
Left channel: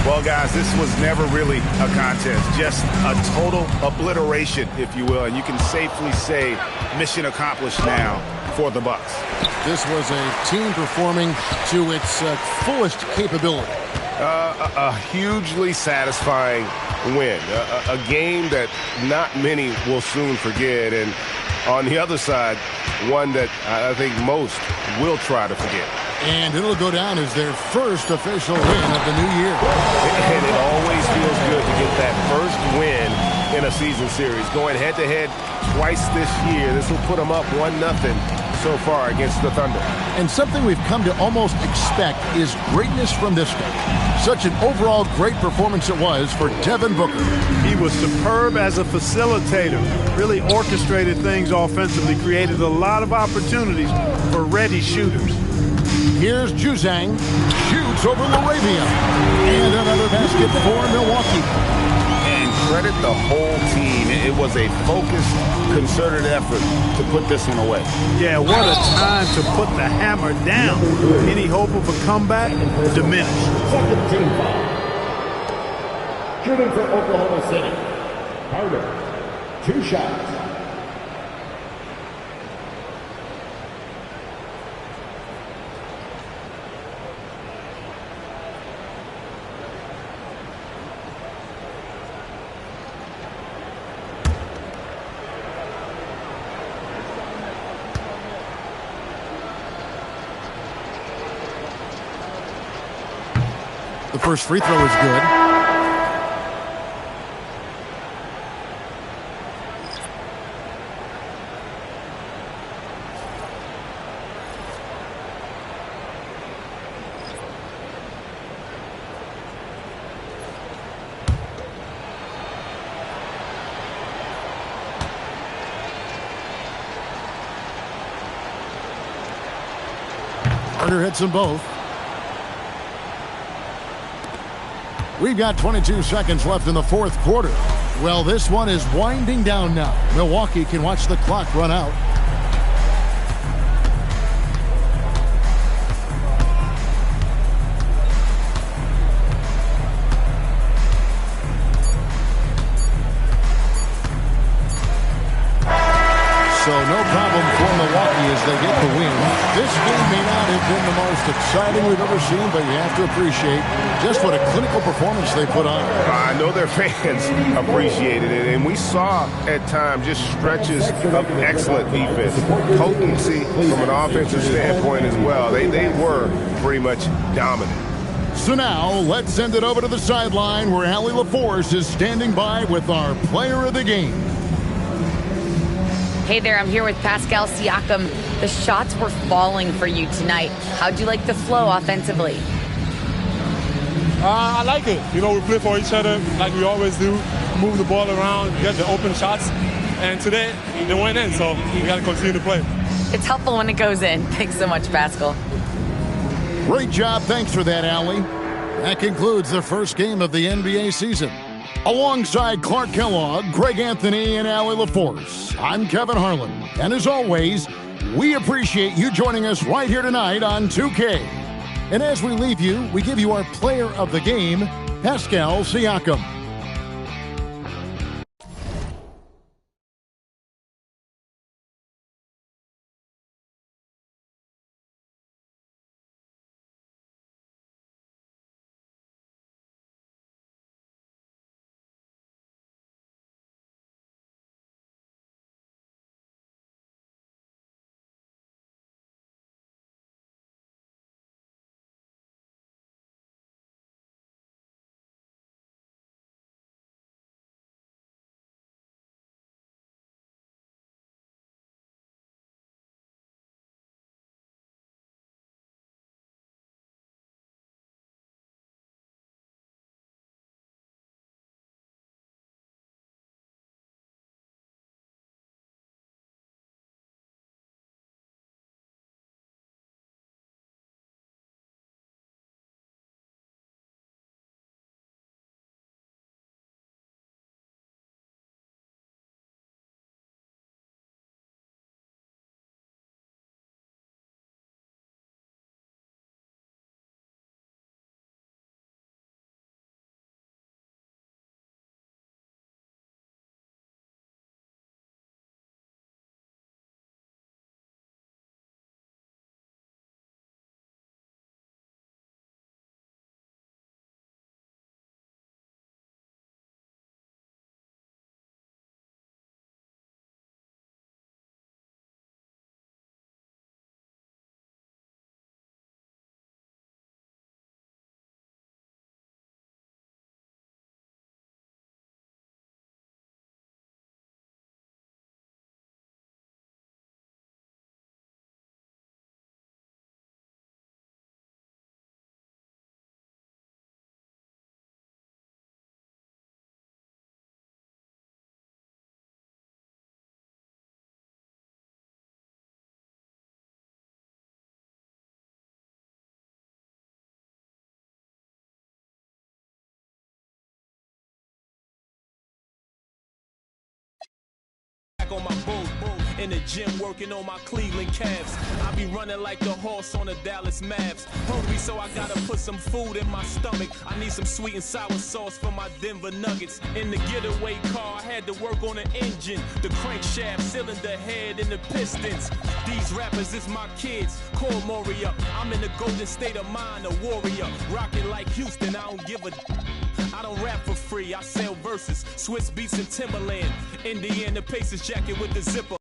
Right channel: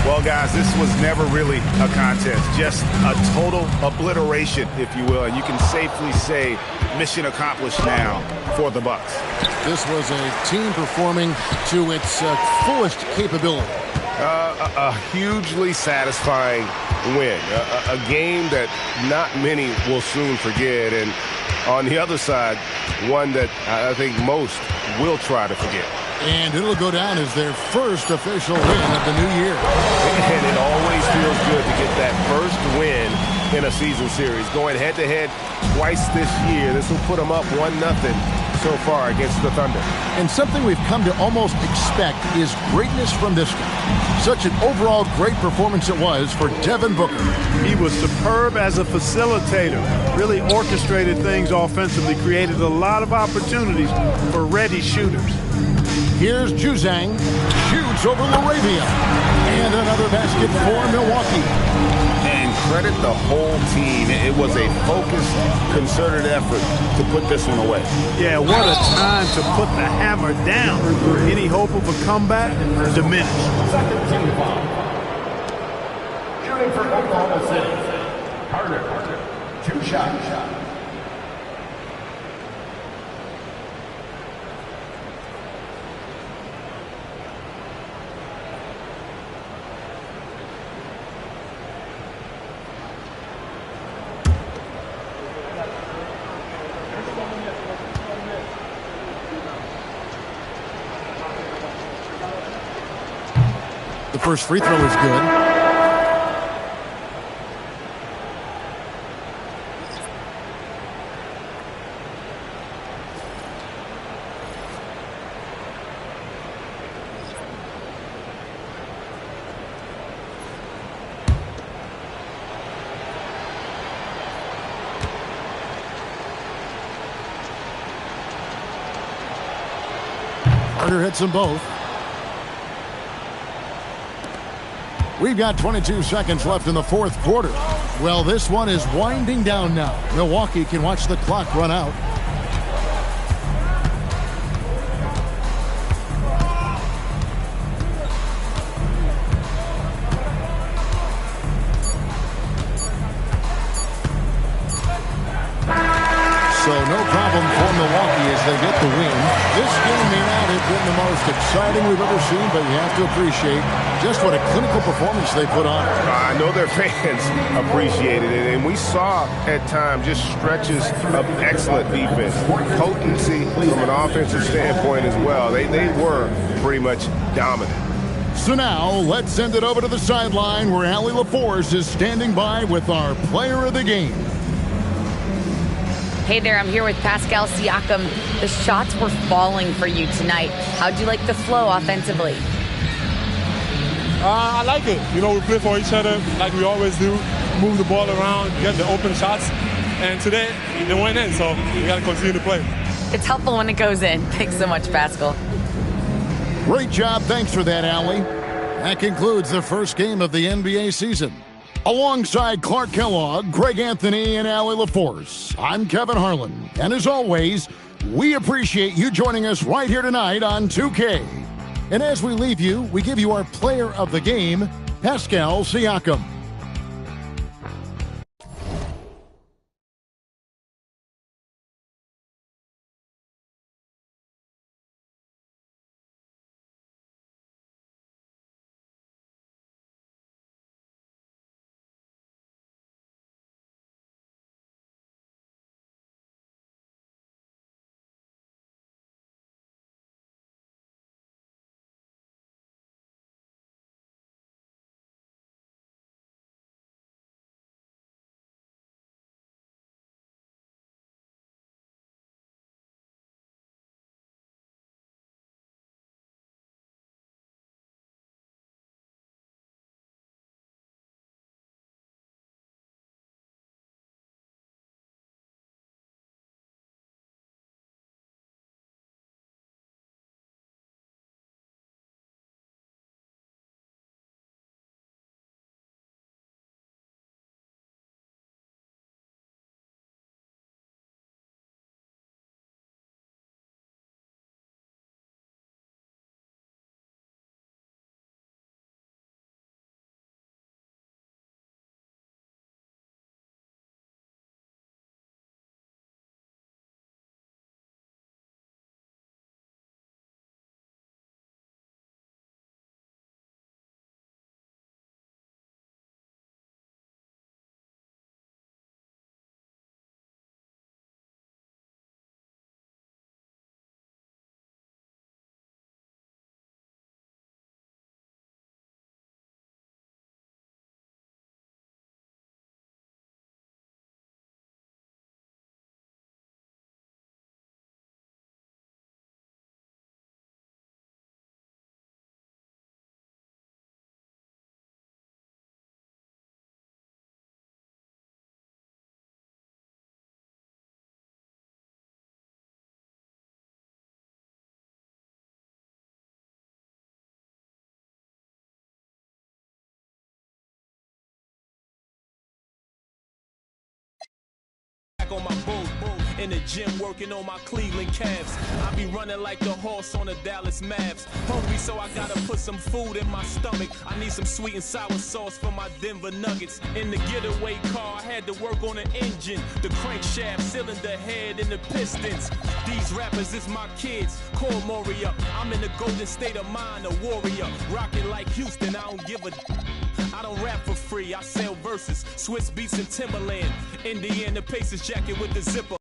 Well, guys, this was never really a contest, just a total obliteration, if you will, and you can safely say mission accomplished now for the Bucks. This was a team performing to its fullest capability. A hugely satisfying win, a game that not many will soon forget, and on the other side, one that I think most will try to forget. And it'll go down as their first official win of the new year. And it always feels good to get that first win in a season series. Going head-to-head twice this year, this will put them up 1-0 so far against the Thunder. And something we've come to almost expect is greatness from this guy. Such an overall great performance it was for Devin Booker. He was superb as a facilitator, really orchestrated things offensively, created a lot of opportunities for ready shooters. Here's Juzang, shoots over Laravia, and another basket for Milwaukee. And credit the whole team. It was a focused, concerted effort to put this one away. Yeah, what a time to put the hammer down. Any hope of a comeback diminished. Second team foul. Shooting for Oklahoma City. Carter, 2 shots. The first free throw is good. Carter hits them both. We've got 22 seconds left in the fourth quarter. Well, this one is winding down now. Milwaukee can watch the clock run out. So no problem for Milwaukee as they get the win. This game may not have been the most exciting we've ever seen, but you have to appreciate just what a clinical performance they put on. I know their fans appreciated it, and we saw at times just stretches of excellent defense. Potency from an offensive standpoint as well. They were pretty much dominant. So now let's send it over to the sideline where Allie LaForce is standing by with our player of the game. Hey there, I'm here with Pascal Siakam. The shots were falling for you tonight. How'd you like the flow offensively? I like it. You know, we play for each other like we always do. Move the ball around, get the open shots. And today, they went in, so we got to continue to play. It's helpful when it goes in. Thanks so much, Pascal. Great job. Thanks for that, Allie. That concludes the first game of the NBA season. Alongside Clark Kellogg, Greg Anthony, and Allie LaForce, I'm Kevin Harlan. And as always, we appreciate you joining us right here tonight on 2K. And as we leave you, we give you our player of the game, Pascal Siakam. On my boat, in the gym working on my Cleveland Cavs. I be running like the horse on the Dallas Mavs. Hungry, so I gotta put some food in my stomach. I need some sweet and sour sauce for my Denver Nuggets. In the getaway car, I had to work on the engine, the crankshaft, cylinder head, and the pistons. These rappers is my kids, call Moria. I'm in the golden state of mind, a warrior. Rocking like Houston, I don't give a. I don't rap for free, I sell verses, Swiss beats and Timberland, Indiana Pacers jacket with the zipper.